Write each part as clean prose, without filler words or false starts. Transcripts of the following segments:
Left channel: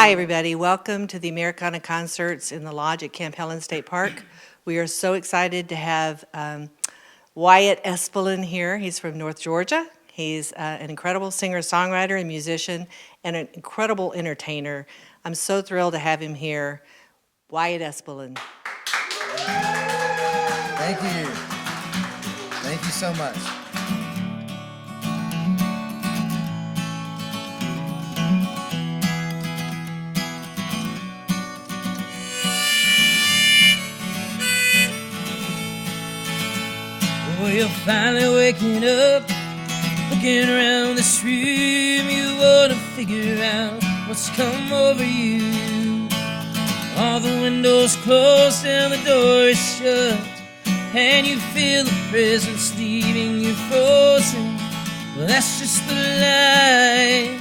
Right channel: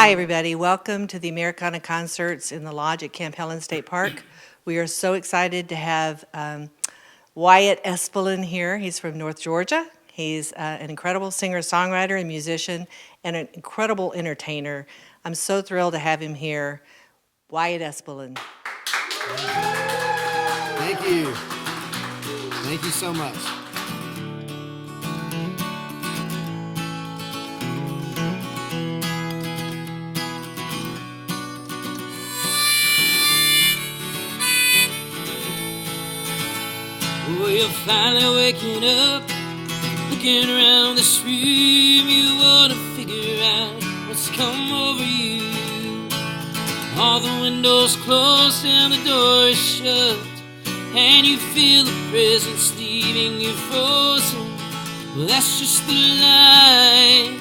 Hi, everybody. Welcome to the Americana concerts in the Lodge at Camp Helen State Park. We are so excited to have Wyatt Espalin here. He's from North Georgia. He's an incredible singer-songwriter and musician and an incredible entertainer. I'm so thrilled to have him here. Wyatt Espalin. Thank you. Thank you so much. Oh, you're finally waking up, looking around this room. You wanna figure out what's come over you. All the windows closed and the door is shut, and you feel the presence leaving you frozen. Well, that's just the light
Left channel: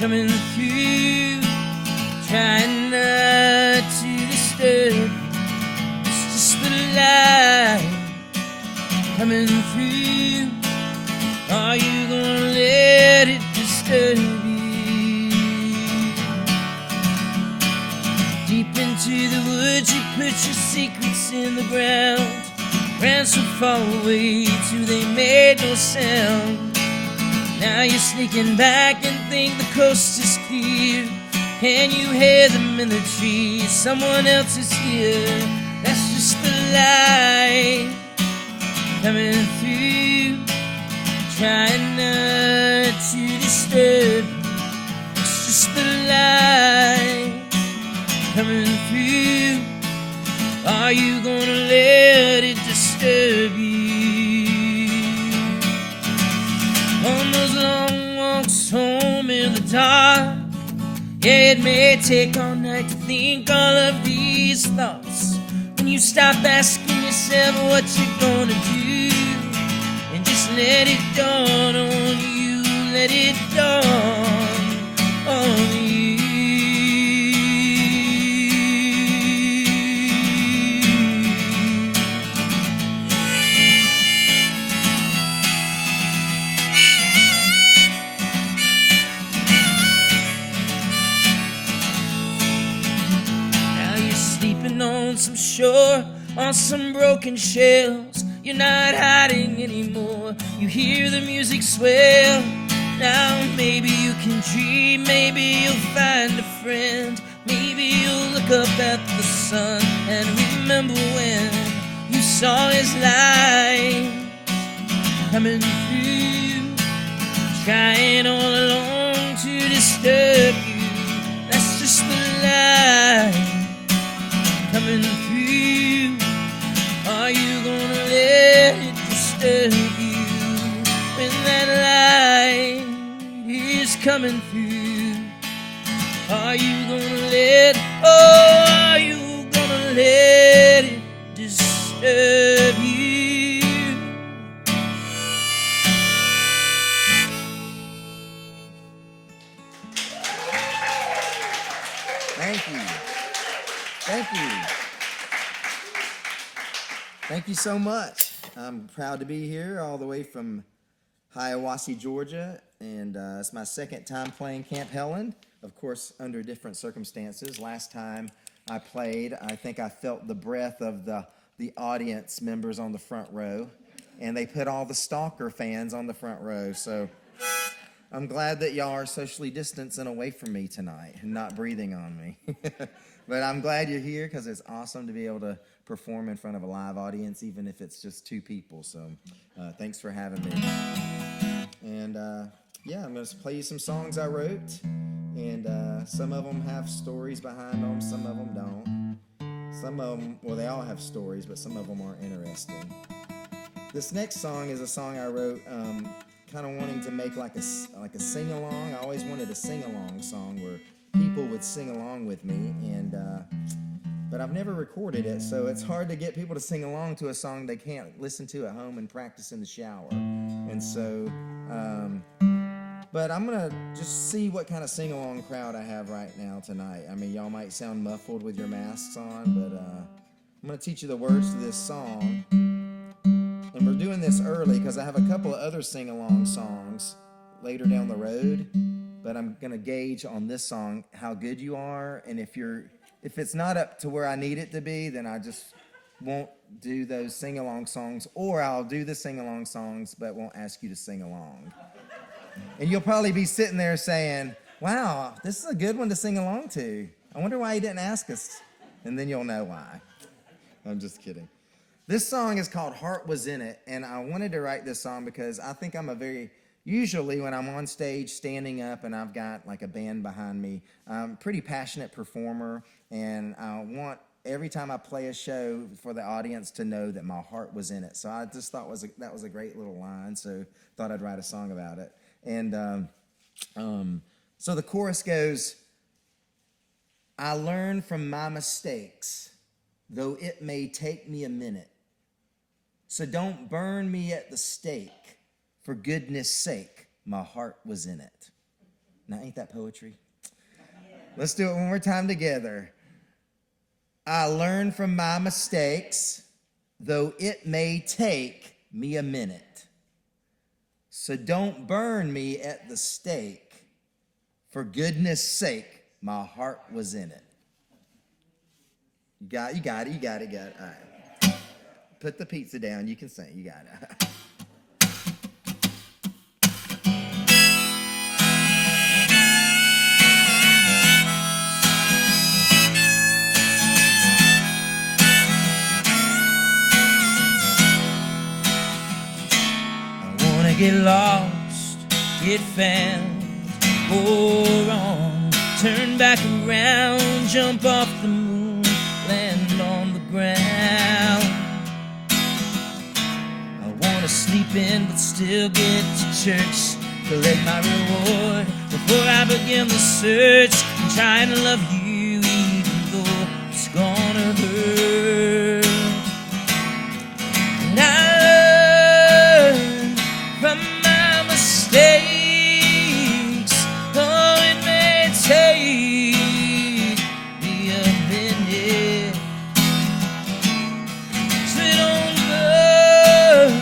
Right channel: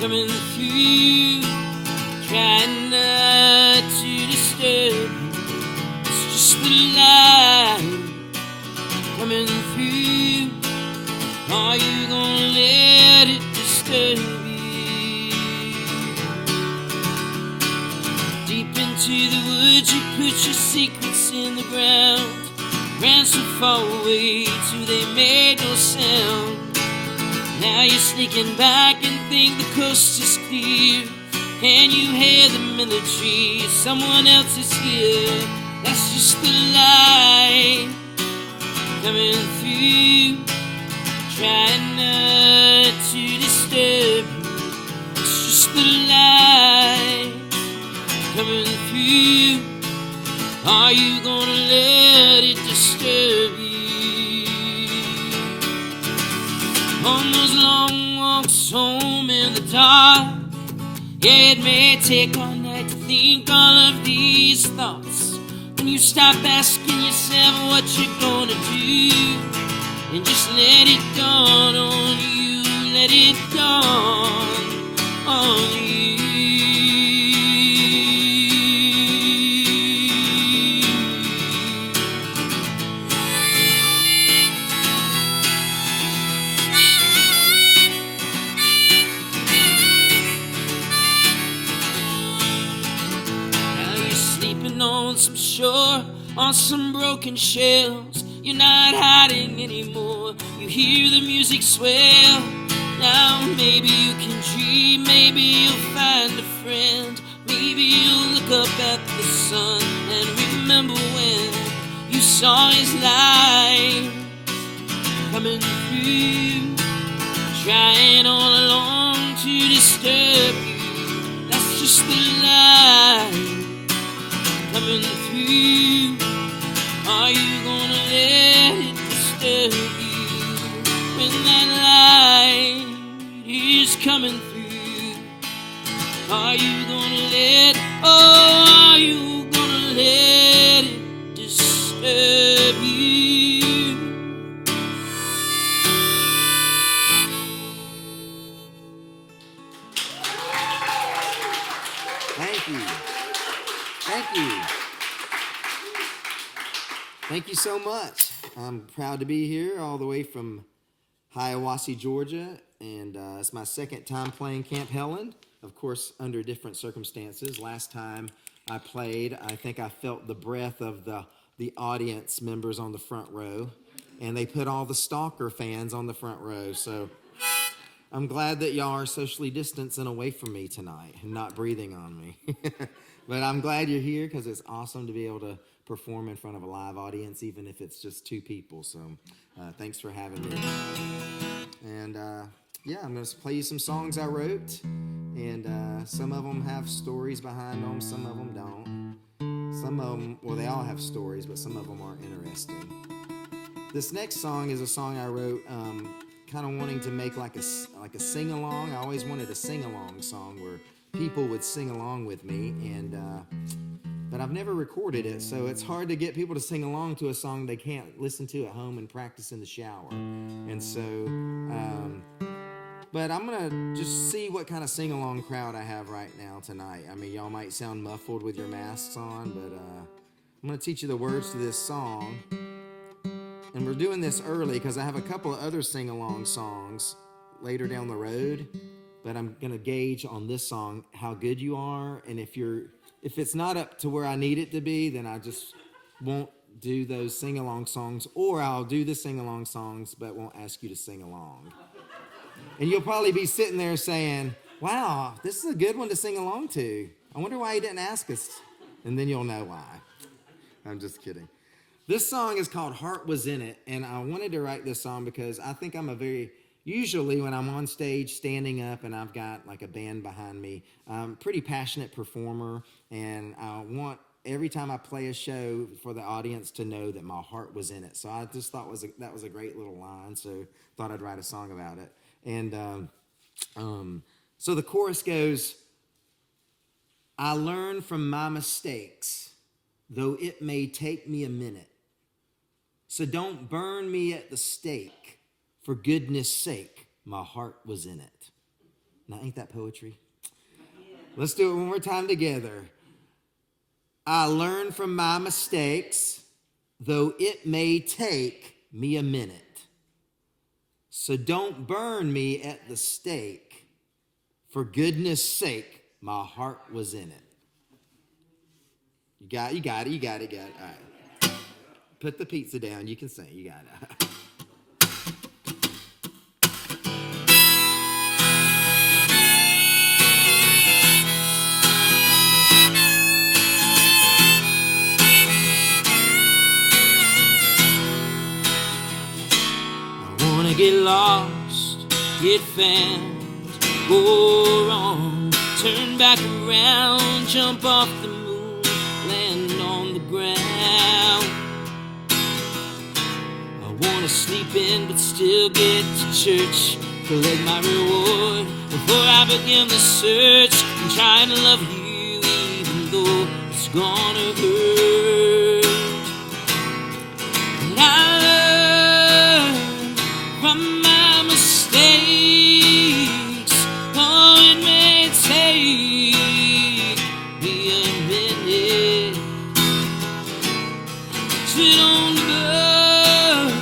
coming through, trying not to disturb you. It's just the light coming through. Are you gonna let it disturb you? Deep into the woods you put your secrets in the ground, ran so far away till they made no sound. Now you're sneaking back and think the coast is clear, and you hear them in the trees. Someone else is here. That's just the light coming through, trying not to disturb you. It's just the light coming through. Are you gonna let it disturb you? On those long walks home in the dark, yeah, it may take all night to think all of these thoughts. When you stop asking yourself what you're gonna do, and just let it dawn on you, let it dawn on you. Now you're sleeping on some shore, on some broken shells. You're not hiding anymore. You hear the music swell. Now maybe you can dream, maybe you'll find a friend. Maybe you'll look up at the sun and remember when you saw his light coming through, trying all along to disturb you. That's just the light coming through. Are you gonna let it disturb you when that light is coming through? Are you gonna let, oh, are you gonna let it disturb you? Thank you. Thank you. Thank you so much. I'm proud to be here all the way from Hiawassee, Georgia, and it's my second time playing Camp Helen, of course, under different circumstances. Last time I played, I think I felt the breath of the audience members on the front row, and they put all the stalker fans on the front row, so I'm glad that y'all are socially distanced and away from me tonight and not breathing on me. But I'm glad you're here because it's awesome to be able to perform in front of a live audience, even if it's just two people. So thanks for having me. And yeah, I'm going to play you some songs I wrote. And some of them have stories behind them. Some of them don't. Some of them, well, they all have stories, but some of them aren't interesting. This next song is a song I wrote kind of wanting to make like a sing-along. I always wanted a sing-along song where people would sing along with me, and but I've never recorded it, so it's hard to get people to sing along to a song they can't listen to at home and practice in the shower. And so, but I'm gonna just see what kind of sing-along crowd I have right now tonight. I mean, y'all might sound muffled with your masks on, but I'm gonna teach you the words to this song. And we're doing this early because I have a couple of other sing-along songs later down the road. but I'm gonna gauge on this song how good you are, and if it's not up to where I need it to be, then I just won't do those sing-along songs, or I'll do the sing-along songs but won't ask you to sing along. And you'll probably be sitting there saying, wow, this is a good one to sing along to. I wonder why he didn't ask us. And then you'll know why. I'm just kidding. This song is called Heart Was In It, and I wanted to write this song because I think usually when I'm on stage standing up and I've got like a band behind me, I'm a pretty passionate performer, and I want every time I play a show for the audience to know that my heart was in it. So I just thought that was a great little line, so thought I'd write a song about it. And so the chorus goes, I learn from my mistakes, though it may take me a minute. So don't burn me at the stake. For goodness sake, my heart was in it. Now, ain't that poetry? Yeah. Let's do it one more time together. I learn from my mistakes, though it may take me a minute. So don't burn me at the stake. For goodness sake, my heart was in it. You got it. All right. Put the pizza down. You can sing. You got it. Get lost, get found, go wrong, turn back around, jump off the moon, land on the ground. I wanna sleep in but still get to church, collect my reward before I begin the search. I'm trying to love you even though it's gonna hurt. And I learn from my mistakes, though it may take me a minute. So don't burn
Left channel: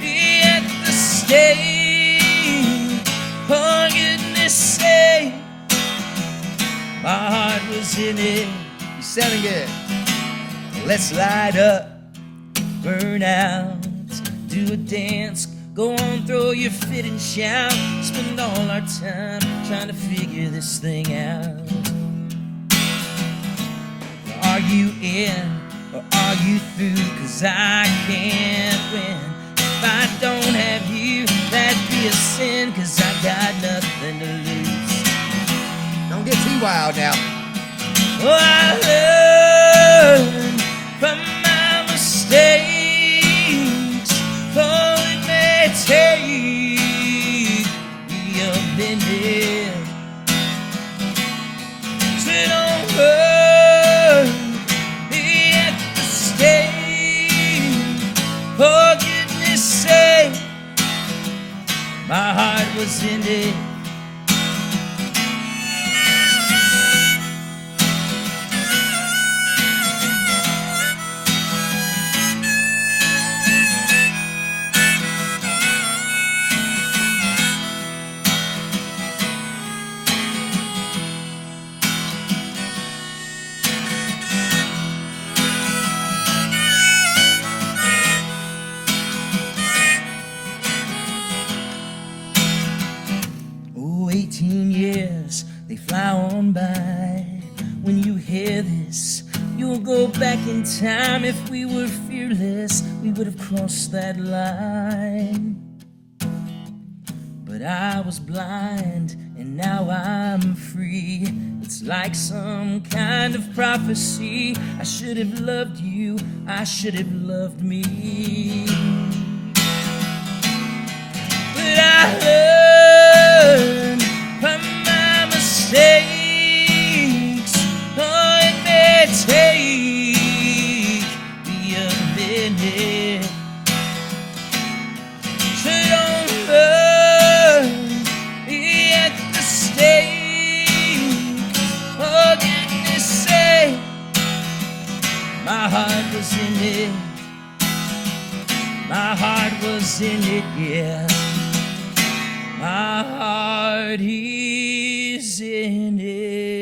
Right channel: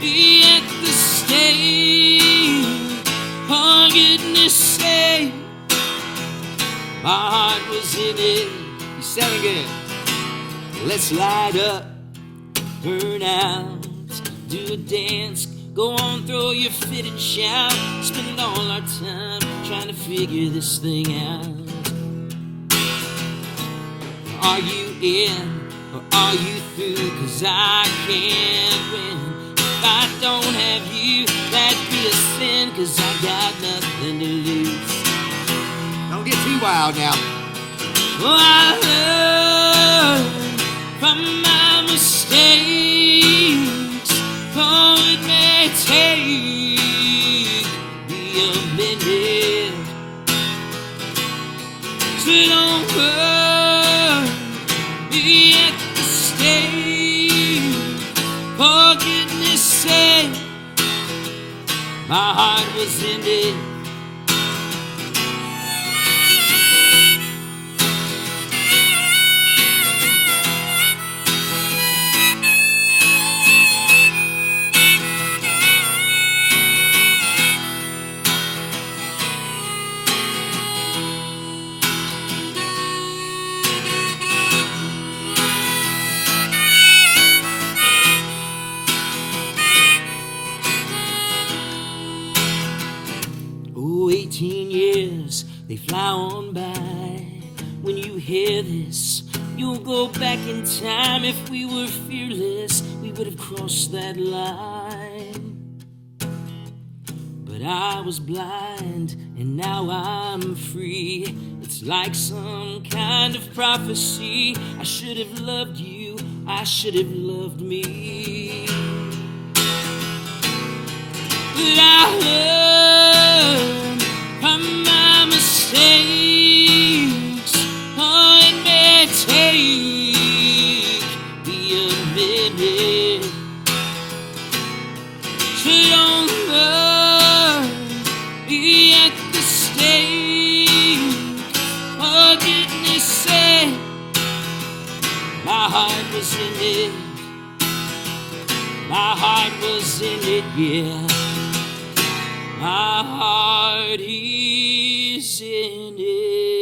me at the stake. For goodness sake, my heart was in it. You sounding good. Let's light up, burn out, do a dance. Go on, throw your fit and shout. Spend all our time trying to figure this thing out. Are you in or are you through? 'Cause I can't win. If I don't have you, that'd be a sin. 'Cause I got nothing to lose. Don't get too wild now. Oh, I learned from my mistakes. Oh, it may take me a minute. So don't burn me at the stake. For goodness sake, my heart was in it. Oh, 18 years, they fly on by. When you hear this, you'll go back in time. If we were fearless, we would have crossed that line. But I was blind, and now I'm free. It's like some kind of prophecy. I should have loved you, I should have loved me. But I learned from my mistakes. Oh, it may take me a minute. So don't burn me at the stake. For goodness sake, my heart was in it. My heart was in it, yeah. My heart is in it.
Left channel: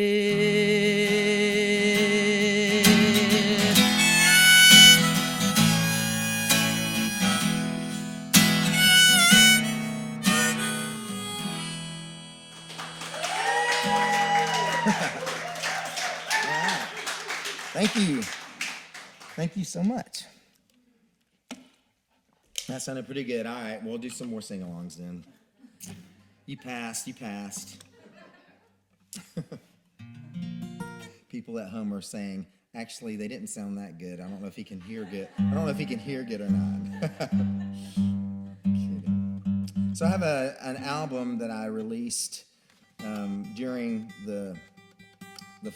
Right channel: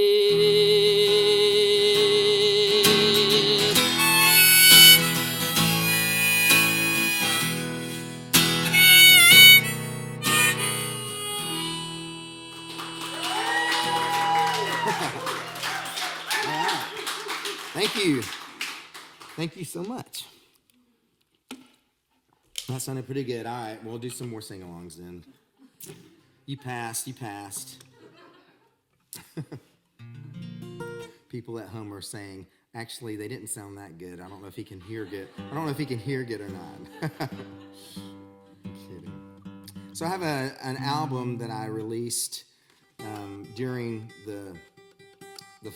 Thank you. Thank you so much. That sounded pretty good. All right, we'll do some more sing-alongs then. You passed. People at home are saying, actually, they didn't sound that good. I don't know if he can hear good. I don't know if he can hear good or not. Kidding. So I have an album that I released during the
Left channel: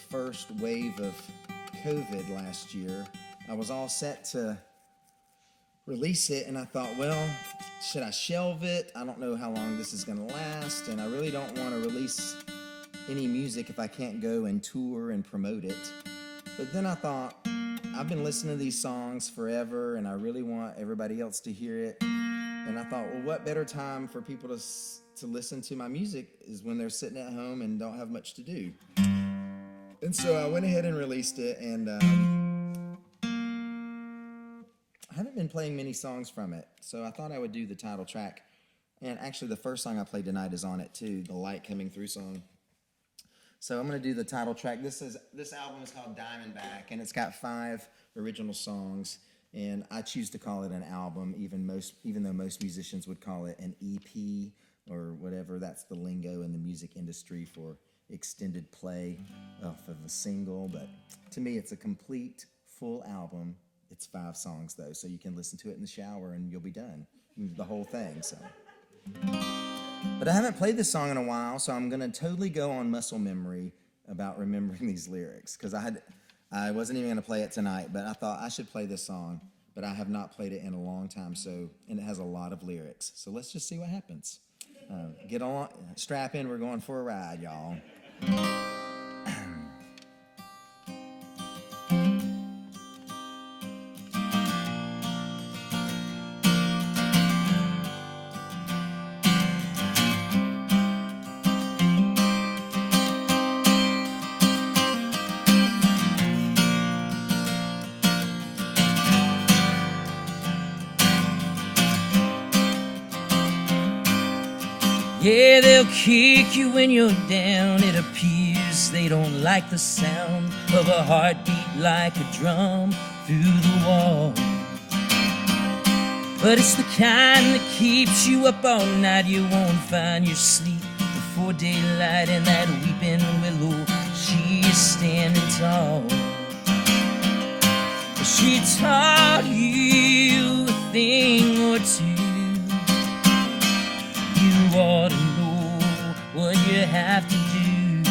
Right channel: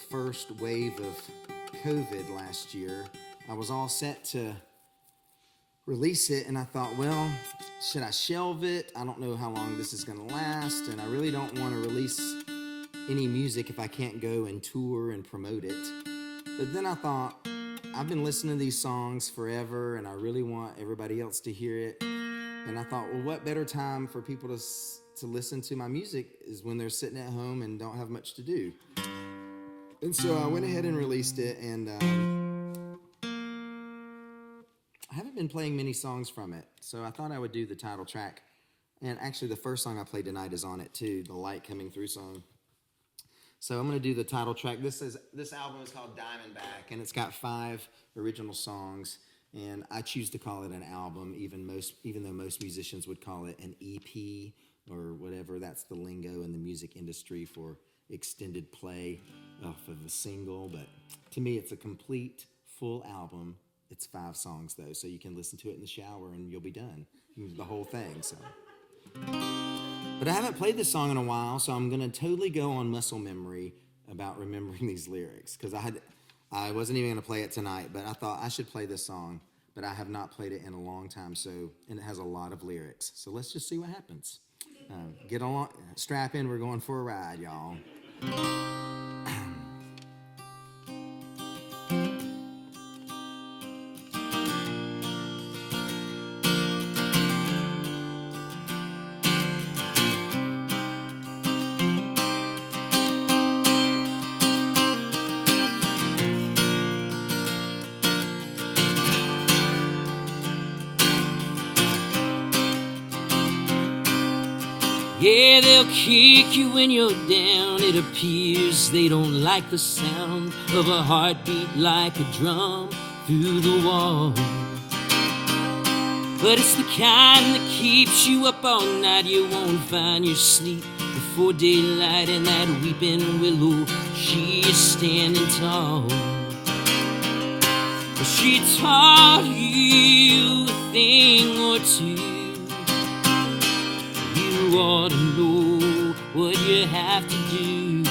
first wave of COVID last year. I was all set to release it, and I thought, well, should I shelve it? I don't know how long this is going to last, and I really don't want to release any music if I can't go and tour and promote it. But then I thought, I've been listening to these songs forever, and I really want everybody else to hear it. And I thought, well, what better time for people to listen to my music is when they're sitting at home and don't have much to do. And so I went ahead and released it, and I haven't been playing many songs from it, so I thought I would do the title track. And actually, the first song I played tonight is on it too, the Light Coming Through song. So I'm going to do the title track. This album is called Diamondback, and it's got 5 original songs. And I choose to call it an album, even though most musicians would call it an EP or whatever. That's the lingo in the music industry for extended play off of a single. But to me, it's a complete, full album. It's 5 songs, though, so you can listen to it in the shower and you'll be done. The whole thing, so. But I haven't played this song in a while, so I'm going to totally go on muscle memory about remembering these lyrics, because I wasn't even going to play it tonight, but I thought I should play this song, but I have not played it in a long time, and it has a lot of lyrics. So let's just see what happens. Get on, strap in, we're going for a ride, y'all. Yeah, they'll kick you when you're down. It appears they don't like the sound of a heartbeat like a drum through the wall. But it's the kind that keeps you up all night. You won't find your sleep before daylight. And that weeping willow, she is standing tall. She taught you a thing or two. You ought to know what you have to do.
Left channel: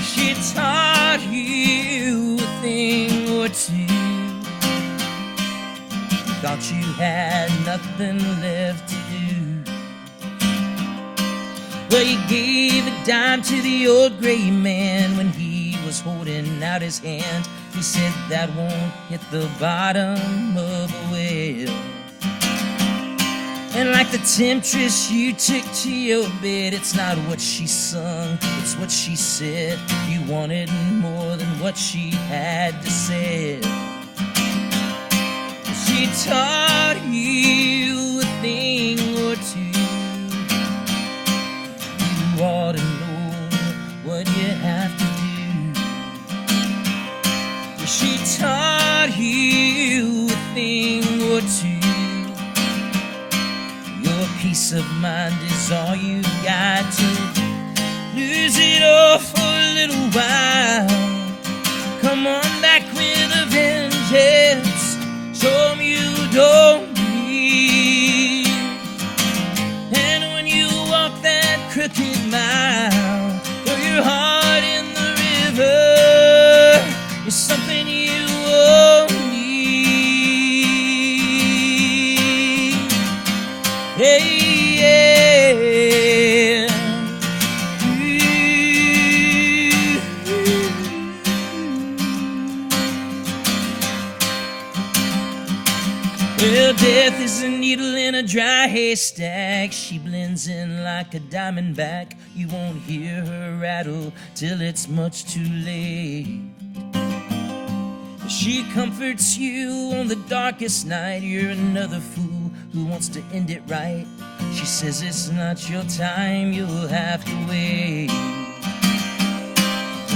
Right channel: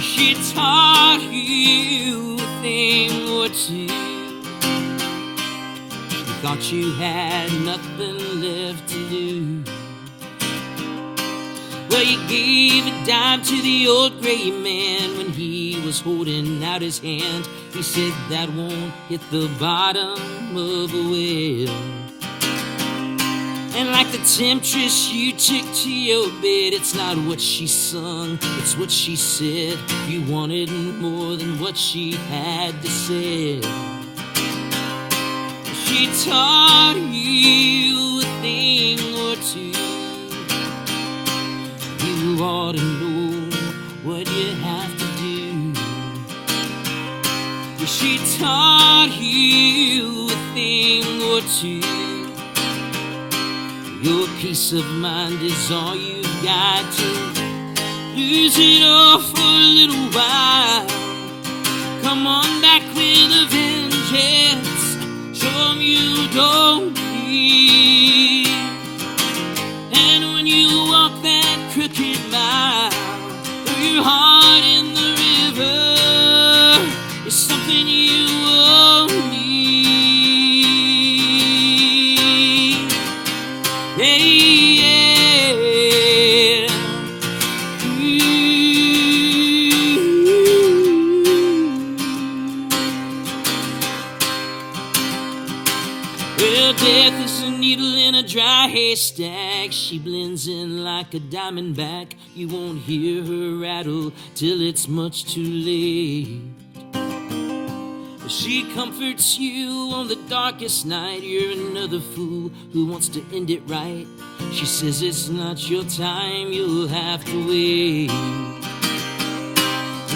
She taught you a thing or two. You thought you had nothing left to do. Well, you gave a dime to the old gray man when he was holding out his hand. He said that won't hit the bottom of a well. And like the temptress you took to your bed, it's not what she sung, it's what she said. You wanted more than what she had to say. She taught you a thing or two. You ought to know what you have to do. She taught you a thing or two. Your peace of mind is all you've got to lose it all for a little while. Come on back with a vengeance. Show 'em you don't bleed. And when you walk that crooked mile, throw your heart in the river. It's something you owe me. Hey, yeah. Well, death is a needle in a dry haystack. She blends in like a diamondback. You won't hear her rattle till it's much too late. She comforts you on the darkest night. You're another fool who wants to end it right. She says it's not your time, you'll have to wait.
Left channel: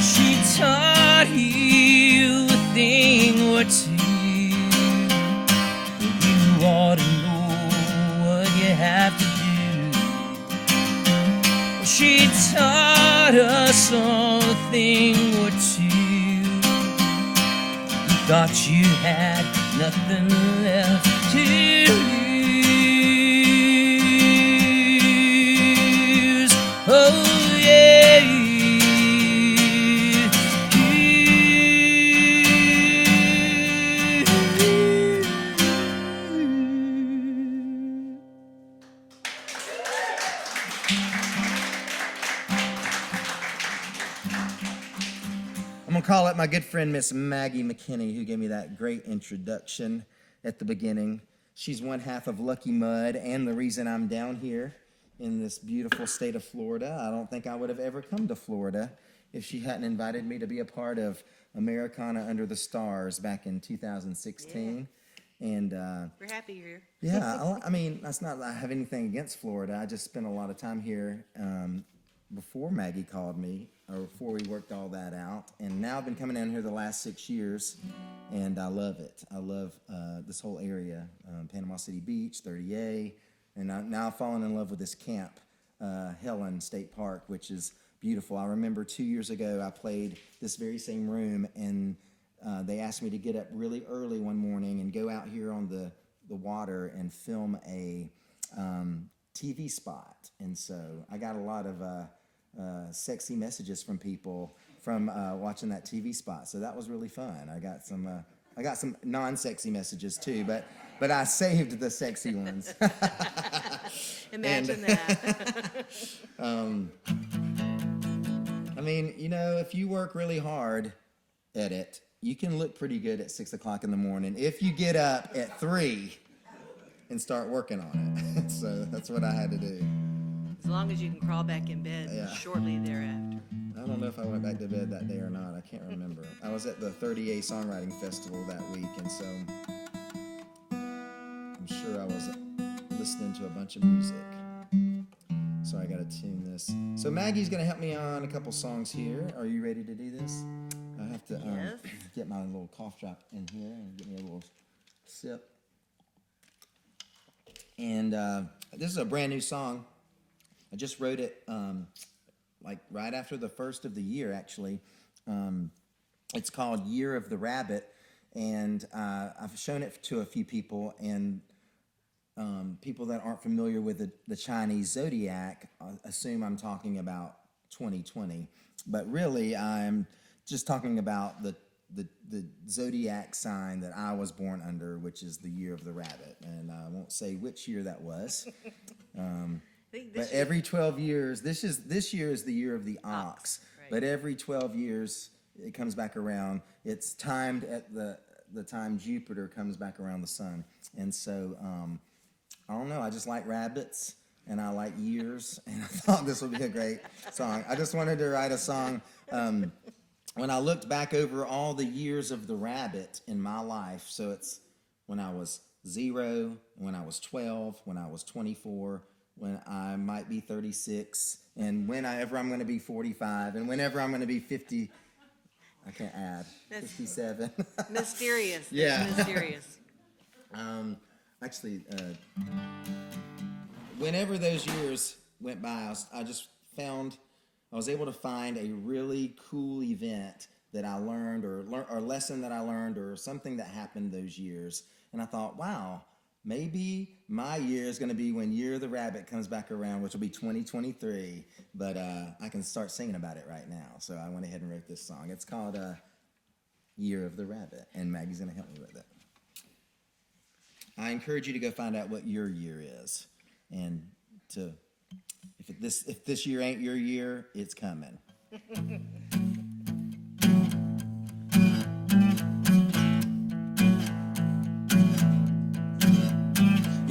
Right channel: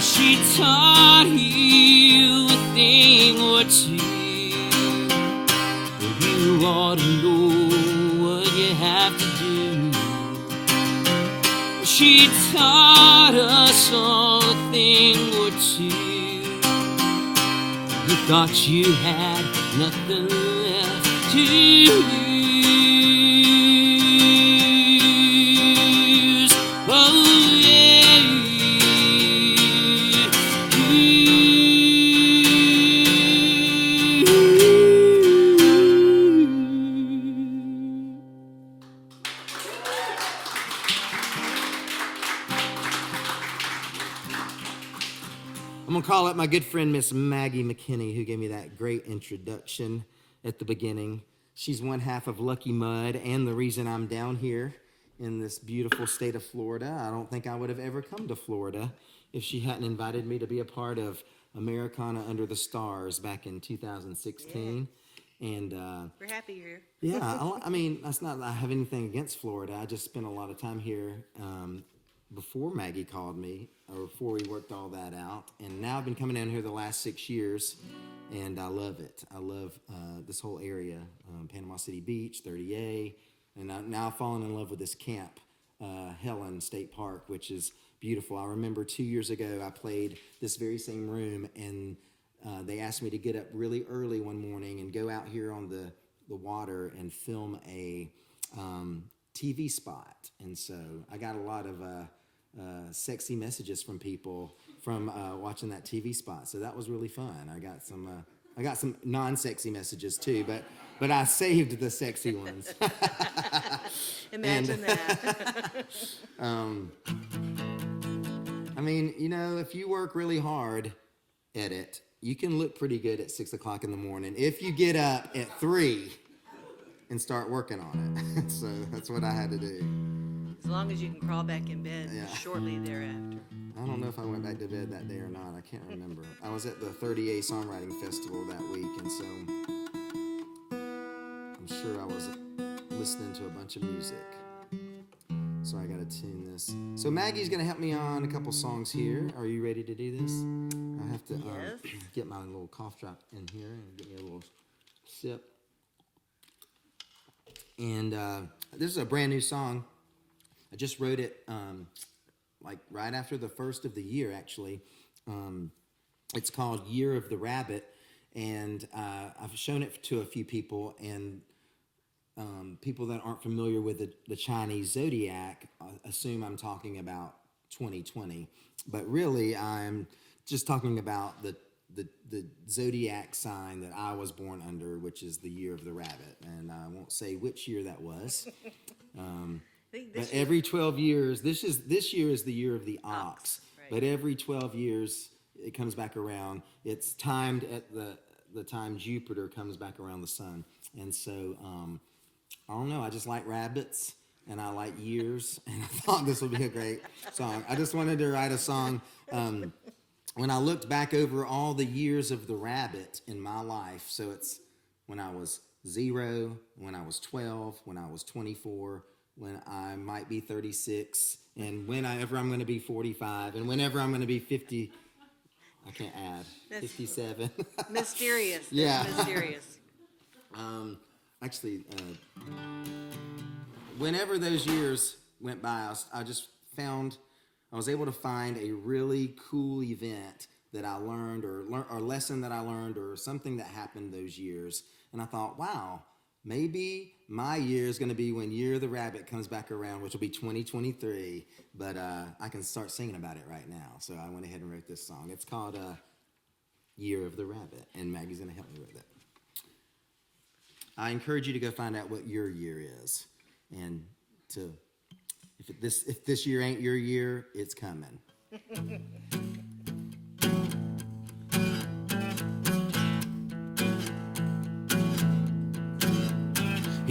She taught you a thing or two. You ought to know what you have to do. She taught us all a thing or two. You thought you had nothing left to lose. Oh yeah. I'm going to call up my good friend, Miss Maggie McKinney, who gave me that great introduction at the beginning. She's one half of Lucky Mud and the reason I'm down here in this beautiful state of Florida. I don't think I would have ever come to Florida if she hadn't invited me to be a part of Americana Under the Stars back in 2016. And We're happy you're here. yeah, I mean, that's not that I have anything against Florida. I just spent a lot of time here before Maggie called me, or before we worked all that out. And now I've been coming down here the last 6 years, and I love it. I love this whole area, Panama City Beach, 30A, and now I've fallen in love with this camp, Helen State Park, which is beautiful. I remember 2 years ago I played this very same room, and they asked me to get up really early one morning and go out here on the water and film a TV spot. And so I got a lot of sexy messages from people from watching that TV spot. So that was really fun. I got some non-sexy messages too, but I saved the sexy ones. Imagine that. I mean, you know, if you work really hard at it, you can look pretty good at 6 o'clock in the morning if you get up at 3 and start working on it. So that's what I had to do. As long as you can crawl back in bed shortly thereafter. I don't know if I went back to bed that day or not. I can't remember. I was at the 30A Songwriting Festival that week, and so I'm sure I was listening to a bunch of music. So I got to tune this. So Maggie's going to help me on a couple songs here. Are you ready to do this? I have to get my little cough drop in here and get me a little sip. And this is a brand new song. I just wrote it like right after the first of the year, actually. It's called Year of the Rabbit, and I've shown it to a few people, and people that aren't familiar with the Chinese zodiac assume I'm talking about 2020, but really I'm just talking about the zodiac sign that I was born under, which is the Year of the Rabbit, and I won't say which year that was. But every 12 years, this year is the year of the ox. Right. But every 12 years, it comes back around. It's timed at the time Jupiter comes back around the sun. And so, I don't know, I just like rabbits, and I like years, and I thought this would be a great song. I just wanted to write a song. When I looked back over all the years of the rabbit in my life, so it's when I was 0, when I was 12, when I was 24, when I might be 36, and whenever I'm going to be 45, and whenever I'm going to be 50, I can't add, 57. Mysterious. Yeah. It's mysterious. Actually, whenever those years went by, I just found, I was able to find a really cool event that I learned, or lesson that I learned, or something that happened those years, and I thought, wow, maybe my year is going to be when Year of the Rabbit comes back around, which will be 2023, but I can start singing about it right now. So I went ahead and wrote this song. It's called Year of the Rabbit, and Maggie's going to help me with it. I encourage you to go find out what your year is, and if this year ain't your year, it's coming.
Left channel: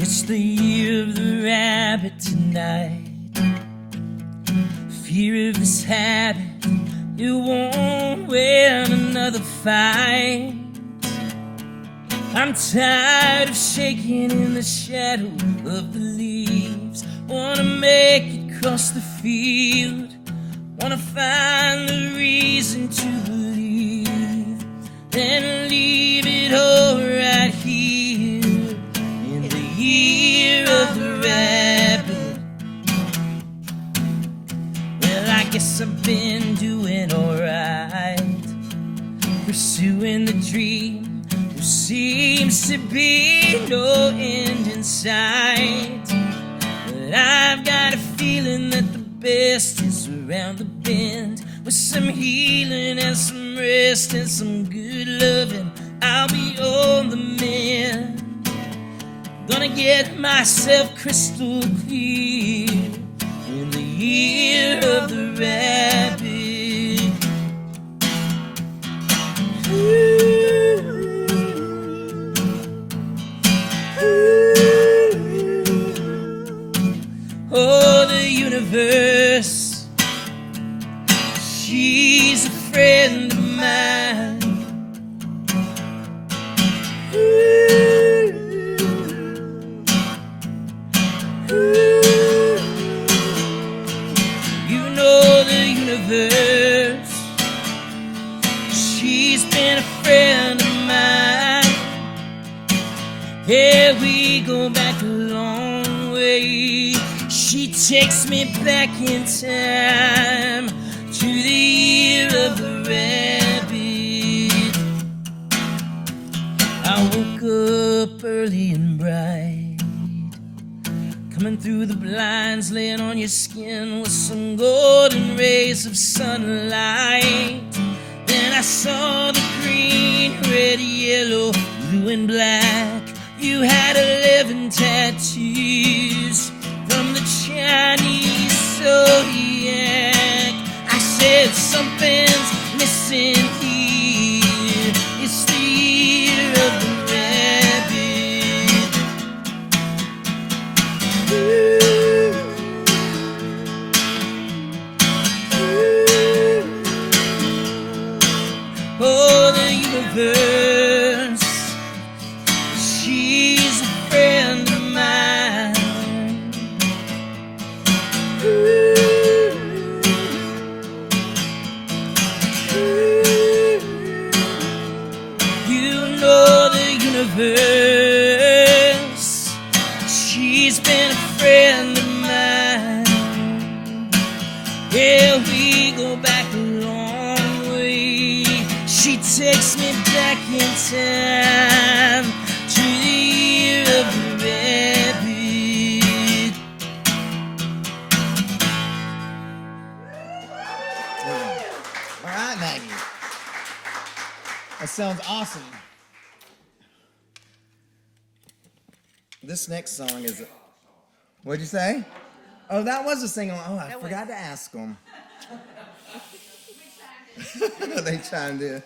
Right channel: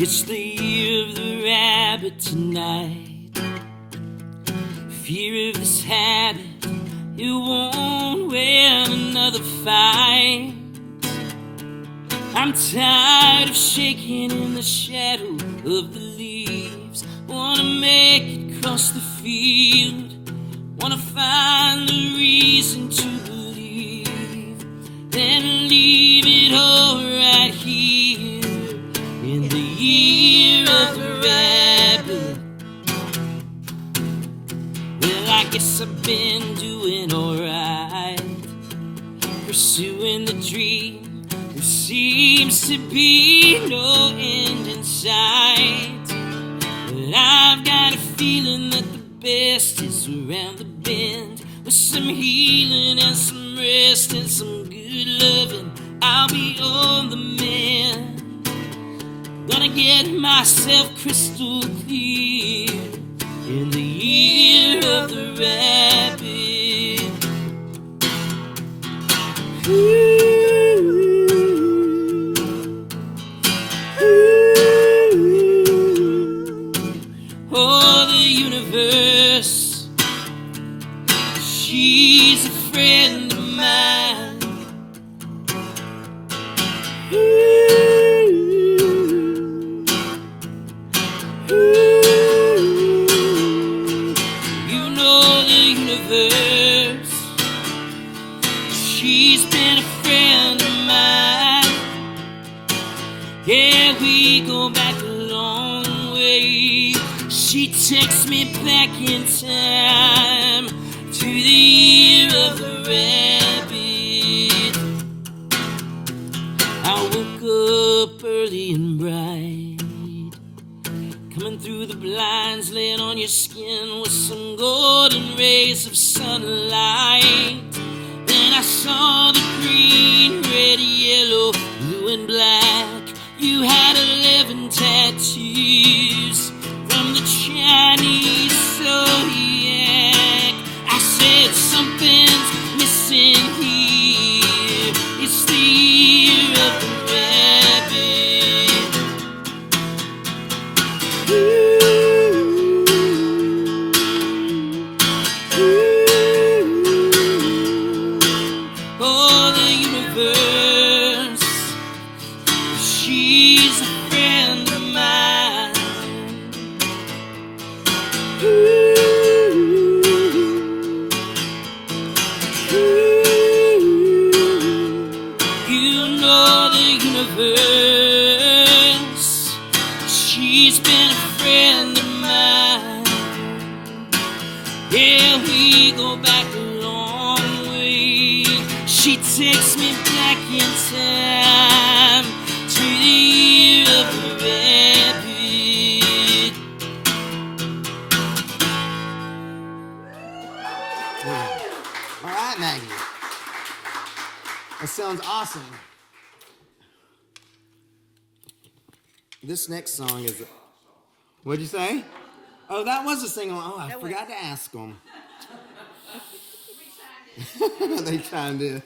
It's the year of the rabbit tonight. Fear of this habit, it won't win another fight. I'm tired of shaking in the shadow of the leaves. Wanna make it cross the field. Wanna find the reason to believe. Then leave it all right here in the year of the rabbit. Well, I guess I've been doing alright, pursuing the dream. There seems to be no end in sight, but I've got a feeling that the best is around the bend. With some healing and some rest and some good loving, I'll be on the mend. Gonna get myself crystal clear in the year of the rabbit. Oh, the universe, she's a friend of mine. You know the universe, she's been a friend of mine. Yeah, we go back a long way. She takes me back in time to the year of the rabbit. I woke up early and bright, coming through the blinds, laying on your skin with some golden rays of sunlight. Then I saw the green, red, yellow, blue and black. You had 11 tattoos from the Chinese zodiac. I said something's missing here. It's the year of the rabbit. Oh, the universe, she's a friend of mine. You know the universe, she's been a friend of mine. Yeah, we go back a long way. She takes me back in time to the year of the rabbit. All right, Maggie. That sounds awesome. This next song is... What'd you say? Oh, that was a sing-along. Oh, I forgot to ask them. They chimed in.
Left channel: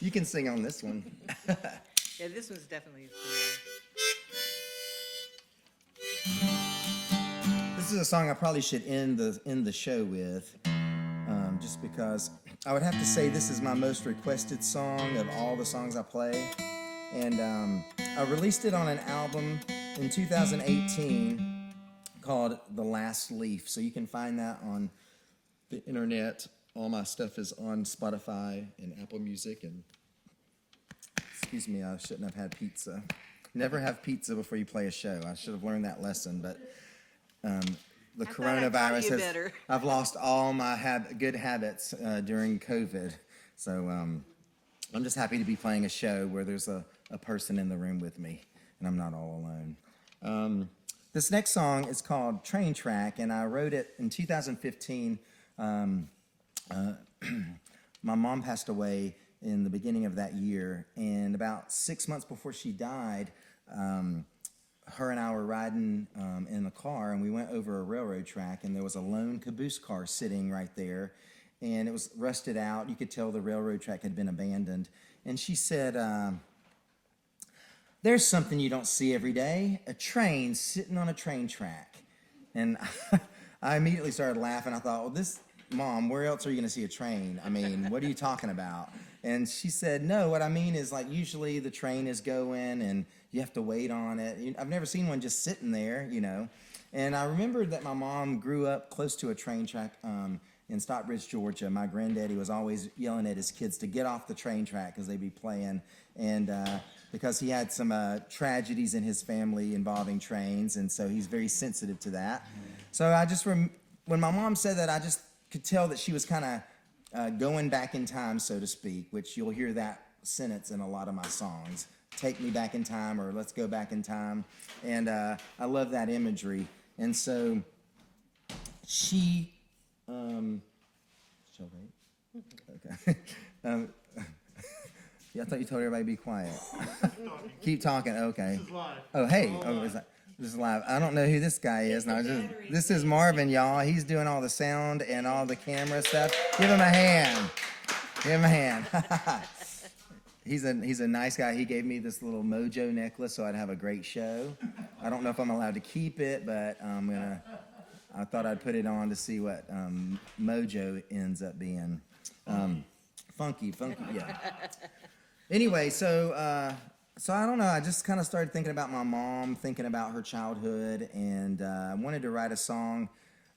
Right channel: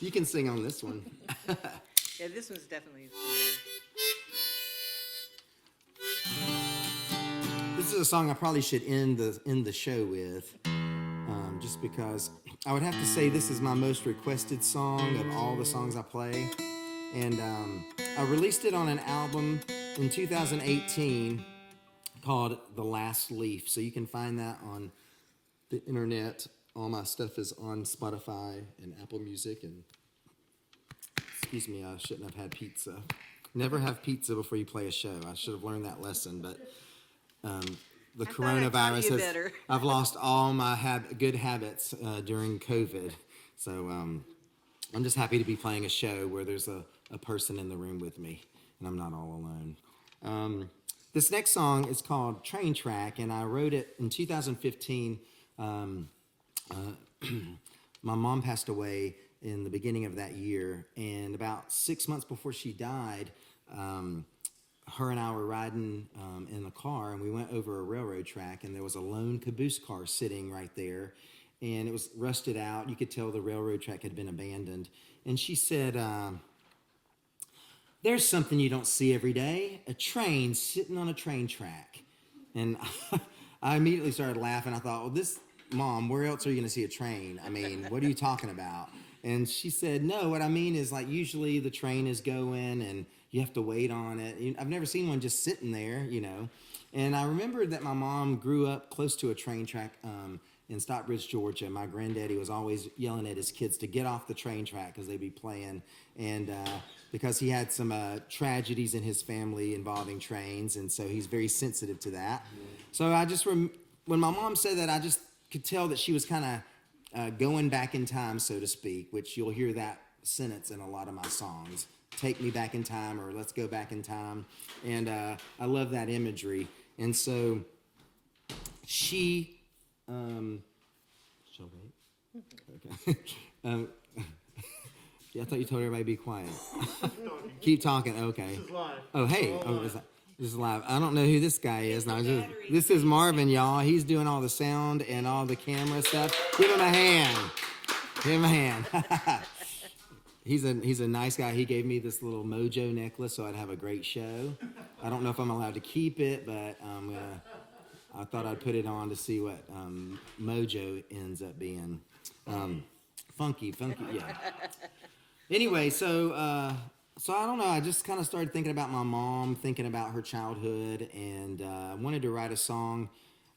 You can sing on this one. Yeah, this one's definitely for you. This is a song I probably should end the show with, just because I would have to say this is my most requested song of all the songs I play. And I released it on an album in 2018 called The Last Leaf. So you can find that on the internet. All my stuff is on Spotify and Apple Music. And excuse me, I shouldn't have had pizza. Never have pizza before you play a show. I should have learned that lesson, but the coronavirus has... better. I've lost all my good habits during COVID. So I'm just happy to be playing a show where there's a person in the room with me, and I'm not all alone. This next song is called Train Track, and I wrote it in 2015. My mom passed away in the beginning of that year, and about 6 months before she died, her and I were riding in a car, and we went over a railroad track, and there was a lone caboose car sitting right there, and it was rusted out. You could tell the railroad track had been abandoned. And she said, there's something you don't see every day, a train sitting on a train track. And I immediately started laughing. I thought, well, Mom, where else are you going to see a train? I mean, what are you talking about? And she said, no, what I mean is like usually the train is going and you have to wait on it. I've never seen one just sitting there, And I remembered that my mom grew up close to a train track in Stockbridge, Georgia. My granddaddy was always yelling at his kids to get off the train track because they'd be playing. And because he had some tragedies in his family involving trains, and so he's very sensitive to that. So I just, when my mom said that, I just could tell that she was kind of going back in time, so to speak, which you'll hear that sentence in a lot of my songs. Take me back in time, or let's go back in time. And I love that imagery. And so she, shall wait? Okay. Yeah, I thought you told everybody to be quiet. Keep talking. Okay. This is live. Oh, hey. This is live. I don't know who this guy is. No, this is Marvin, y'all. He's doing all the sound and all the camera stuff. Give him a hand. Give him a hand. He's a nice guy. He gave me this little mojo necklace so I'd have a great show. I don't know if I'm allowed to keep it, but I thought I'd put it on to see what mojo ends up being. Funky, yeah. Anyway, so I don't know. I just kind of started thinking about my mom, thinking about her childhood, and I wanted to write a song.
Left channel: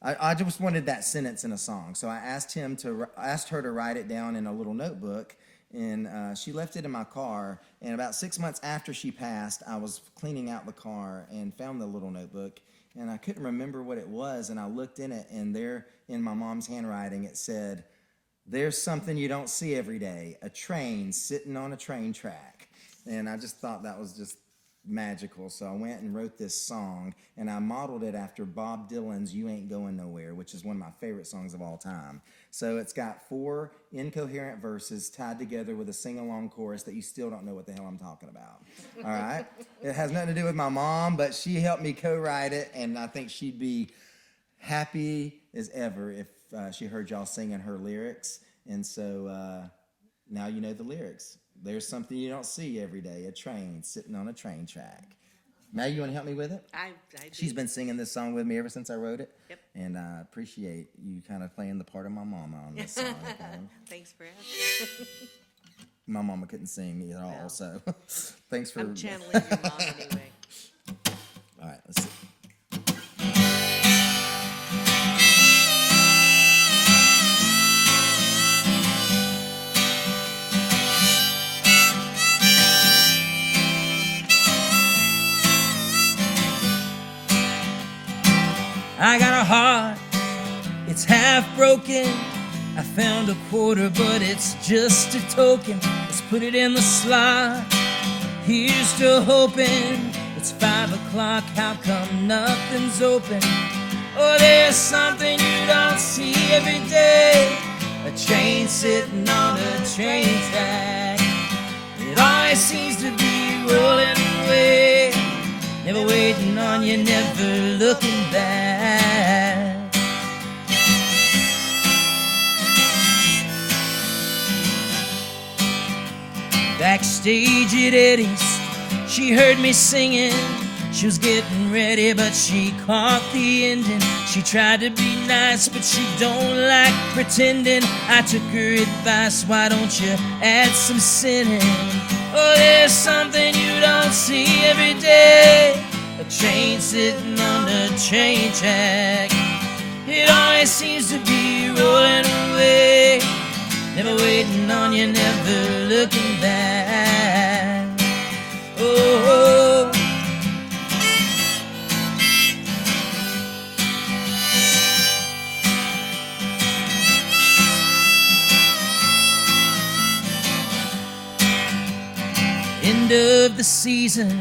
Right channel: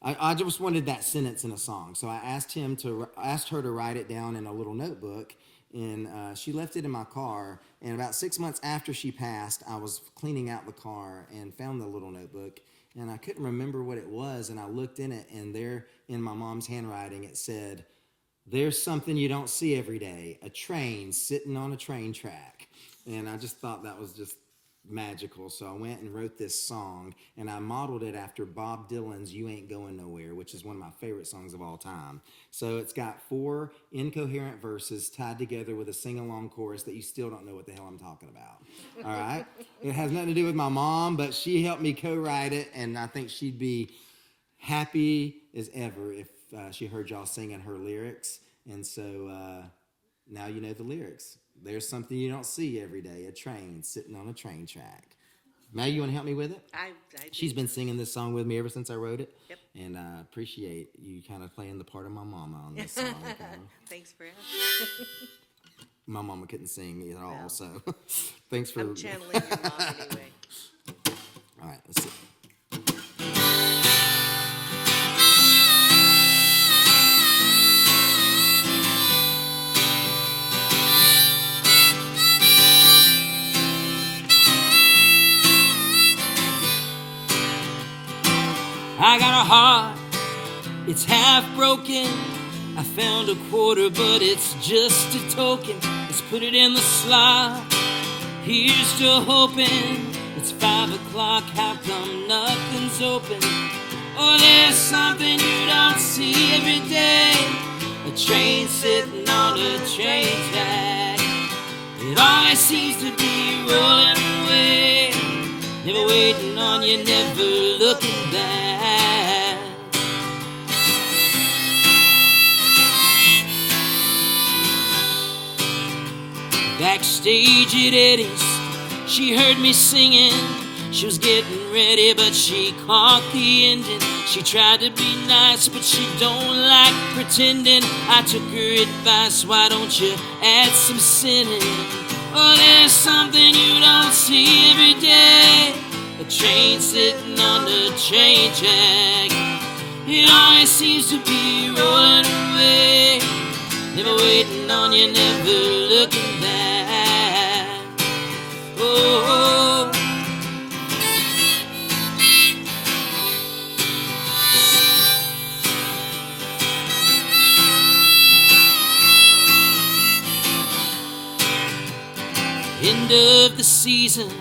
I just wanted that sentence in a song. So I asked her to write it down in a little notebook, and she left it in my car. And about 6 months after she passed, I was cleaning out the car and found the little notebook, and I couldn't remember what it was. And I looked in it, and there in my mom's handwriting it said, "There's something you don't see every day, a train sitting on a train track." And I just thought that was just magical. So I went and wrote this song, and I modeled it after Bob Dylan's "You Ain't Going Nowhere," which is one of my favorite songs of all time. So it's got 4 incoherent verses tied together with a sing-along chorus that you still don't know what the hell I'm talking about. All right? It has nothing to do with my mom, but she helped me co-write it, and I think she'd be happy as ever if she heard y'all singing her lyrics. And so now you know the lyrics. There's something you don't see every day, a train sitting on a train track. Maggie, you want to help me with it? I do. She's been singing this song with me ever since I wrote it. Yep. And I appreciate you kind of playing the part of my mama on this song. Okay? Thanks for asking. My mama couldn't sing at all, Well, so thanks for... I'm channeling your mom anyway. All right, let's see. I got a heart, it's half broken. I found a quarter, but it's just a token. Let's put it in the slot. Here's to hoping. It's 5 o'clock, how come nothing's open? Oh, there's something you don't see every day. A train sitting on a train track. It always seems to be rolling away. Never waiting on you, never looking back. Backstage at Eddie's, she heard me singing. She was getting ready, but she caught the ending. She tried to be nice, but she don't like pretending. I took her advice, why don't you add some sinning? Oh, there's something you don't see every day. A train sitting on the train track. It always seems to be rolling away. Never waiting on you, never looking back. Oh. End of the season,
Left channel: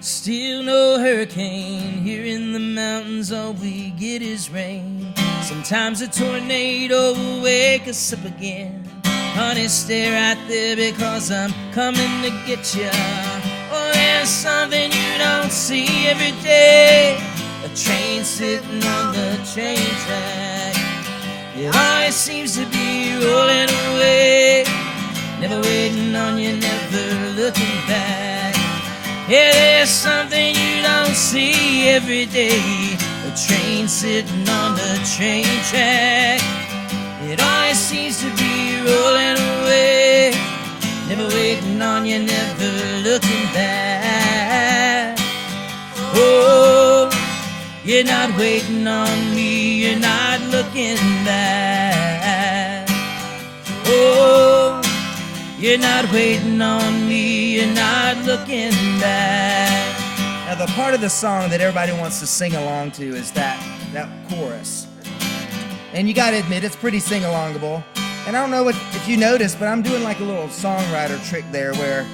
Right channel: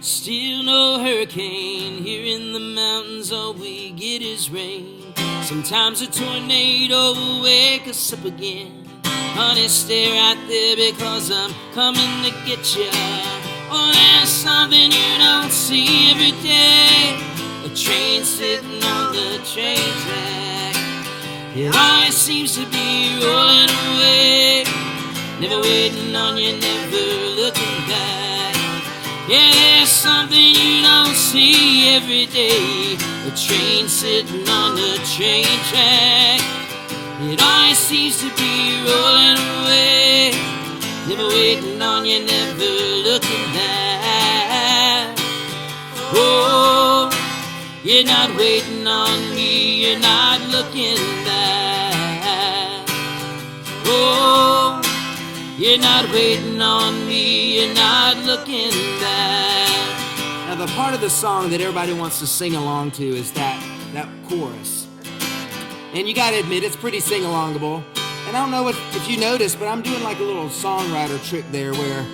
still no hurricane. Here in the mountains all we get is rain. Sometimes a tornado will wake us up again. Honey, stay right there because I'm coming to get you. Oh, there's something you don't see every day. A train sitting on the train track. It always seems to be rolling away. Never waiting on you, never looking back. Yeah, see every day. A train sitting on the train track. It always seems to be rolling away. Never waiting on you, never looking back. Oh, you're not waiting on me, you're not looking back. Oh, you're not waiting on me, you're not looking back. Now, the part of the song that everybody wants to sing along to is that chorus. And you gotta admit, it's pretty sing-alongable. And I don't know if you noticed, but I'm doing like a little songwriter trick there where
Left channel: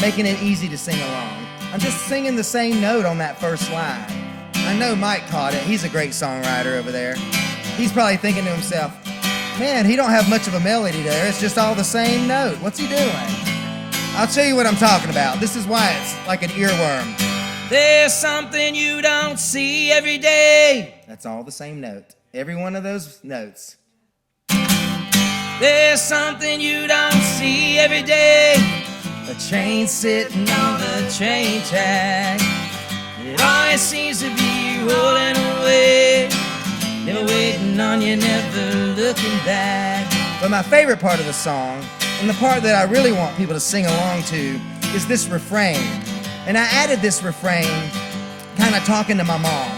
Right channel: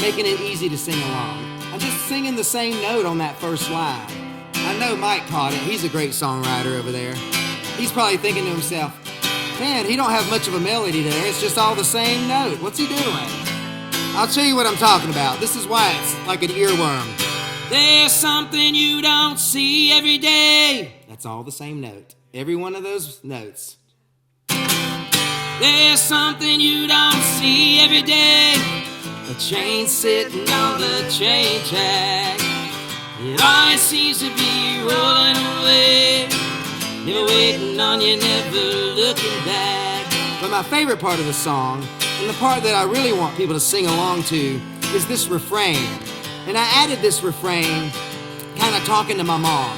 making it easy to sing along. I'm just singing the same note on that first line. I know Mike caught it. He's a great songwriter over there. He's probably thinking to himself, man, he don't have much of a melody there. It's just all the same note. What's he doing? I'll show you what I'm talking about. This is why it's like an earworm. There's something you don't see every day. That's all the same note. Every one of those notes. There's something you don't see every day. A train sitting on the train track. It always seems to be rolling away. Never waiting on you, never looking back. But my favorite part of the song, and the part that I really want people to sing along to, is this refrain. And I added this refrain kind of talking to my mom.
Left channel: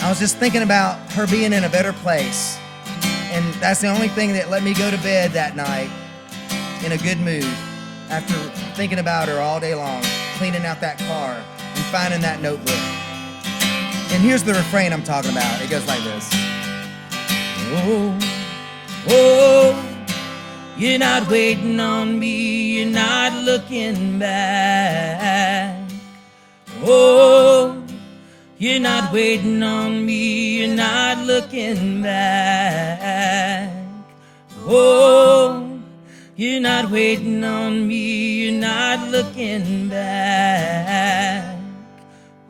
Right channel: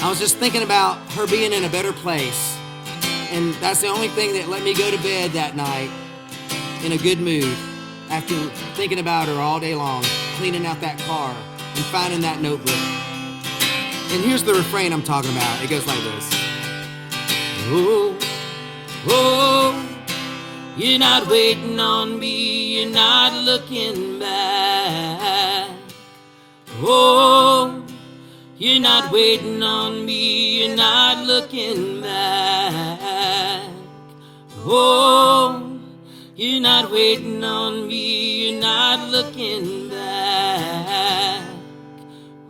I was just thinking about her being in a better place. And that's the only thing that let me go to bed that night in a good mood after thinking about her all day long, cleaning out that car and finding that notebook. And here's the refrain I'm talking about. It goes like this. Oh, oh, you're not waiting on me, you're not looking back. Oh, you're not waiting on me, you're not looking back. Oh, you're not waiting on me, you're not looking back.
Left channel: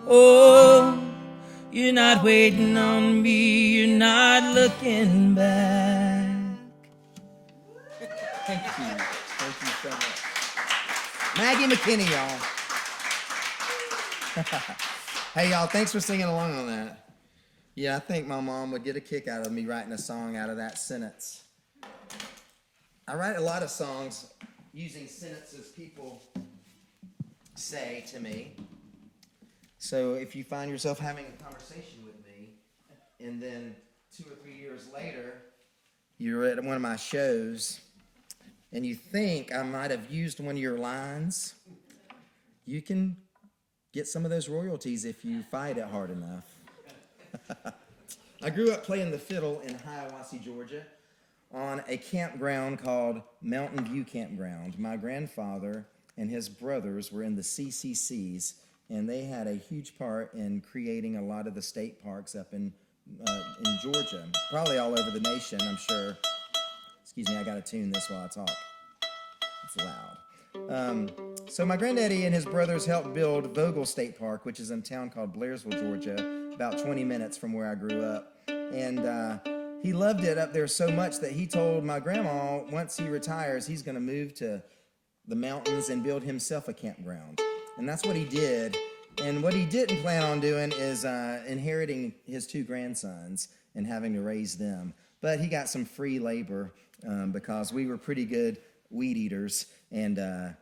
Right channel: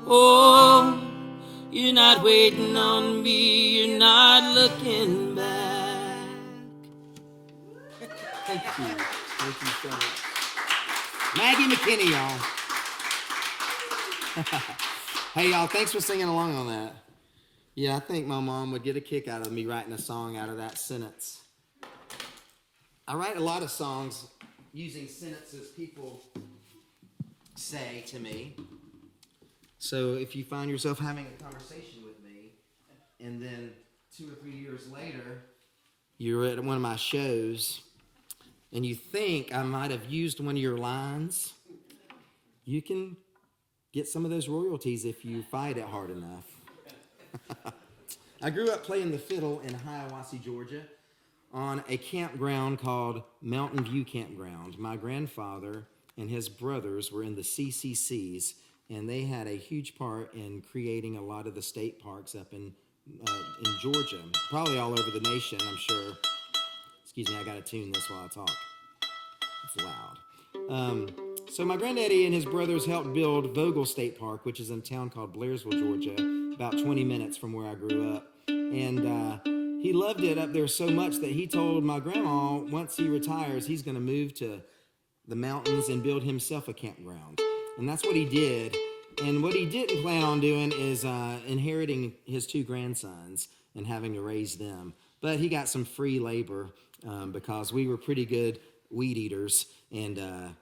Oh, you're not waiting on me, you're not looking back. Thank you. Thank you so much. Maggie McKinney, y'all. Hey, y'all, thanks for singing along on that. Yeah, I think my mom would get a kick out of me writing a song out of that sentence. I write a lot of songs using sentences people say to me. So if you find yourself having a conversation with me, and then 2 or 3 years later, you're at one of my shows, and you think I might have used one of your lines, you can get some of those royalties if you fight it hard enough. I grew up playing the fiddle in Hiawassee, Georgia, on a campground called Mountain View Campground. My grandfather and his brothers were in the CCCs, and they had a huge part in creating a lot of the state parks up in Georgia, probably all over the nation, I'm sure. Excuse me, I gotta tune this while I talk. It's loud. So my granddaddy and his brothers helped build Vogel State Park, which is in a town called Blairsville, Georgia, about 20 minutes from where I grew up. And he loved it up there so much that he told my grandma once he retires, he's going to move to the mountains and build himself a campground. And that's what he did. And what he didn't plan on doing is inheriting his 2 grandsons and having to raise them. But he got some free labor because we were pretty good weed eaters and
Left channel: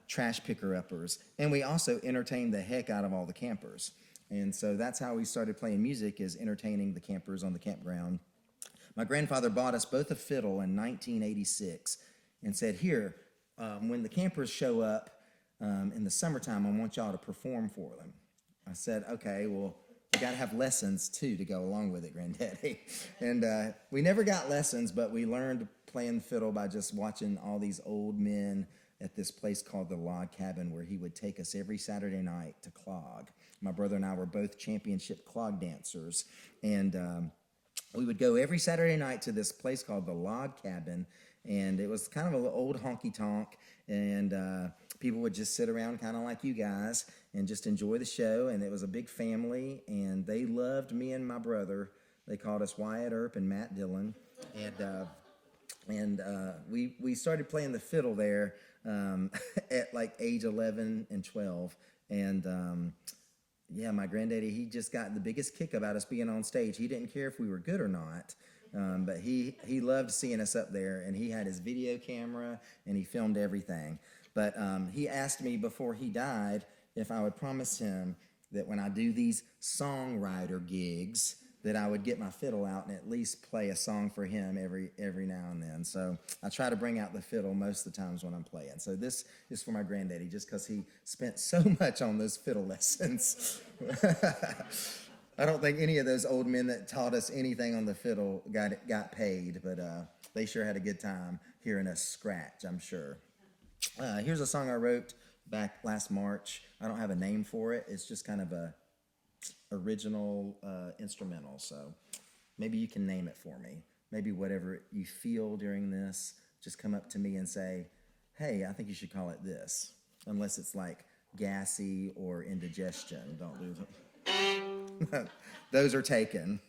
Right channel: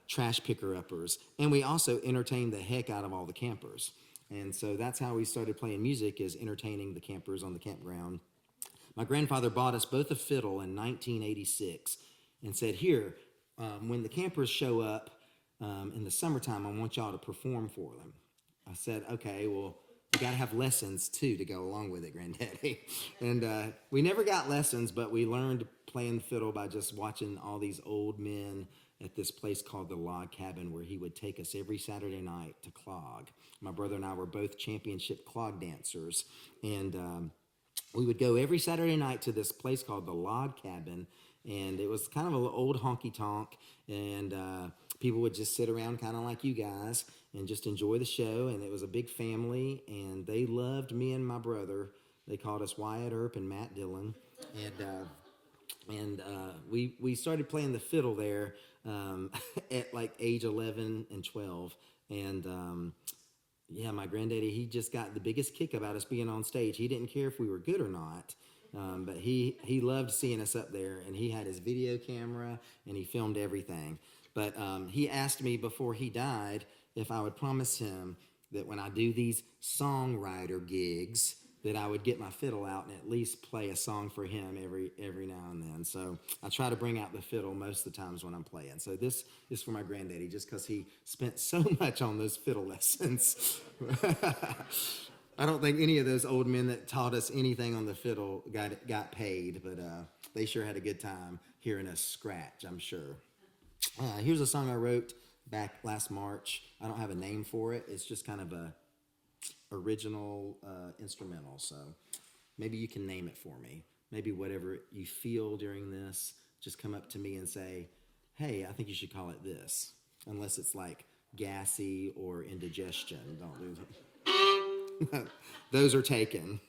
trash picker-uppers. And we also entertained the heck out of all the campers. And so that's how we started playing music, is entertaining the campers on the campground. My grandfather bought us both a fiddle in 1986 and said, here, when the campers show up in the summertime, I want y'all to perform for them. I said, okay, well, we got to have lessons, too, to go along with it, Granddaddy. And we never got lessons, but we learned playing the fiddle by just watching all these old men at this place called the Log Cabin, where he would take us every Saturday night to clog. My brother and I were both championship clog dancers, and we would go every Saturday night to this place called the Log Cabin, and it was kind of an old honky-tonk, and people would just sit around kind of like you guys and just enjoy the show, and it was a big family, and they loved me and my brother. They called us Wyatt, Earp, and Matt Dillon, and we started playing the fiddle there at like age 11 and 12, and Yeah, my granddaddy, he just got the biggest kick about us being on stage. He didn't care if we were good or not, but he loved seeing us up there, and he had his video camera, and he filmed everything. But he asked me before he died if I would promise him that when I do these songwriter gigs, that I would get my fiddle out and at least play a song for him every now and then. So I try to bring out the fiddle most of the times when I'm playing. So this is for my granddaddy, just because he spent so much on those fiddle lessons. I don't think any of those old men that taught us anything on the fiddle got paid, but they sure had a good time hearing us scratch, I'm sure. Here's a song I wrote back last March. I don't have a name for it. It's just kind of a original instrumental, so maybe you can name it for me. Maybe whatever you feel during this, just come up to me and say, hey, I think you should call it this, unless it's like gassy or indigestion. Don't lose it. Those are taken.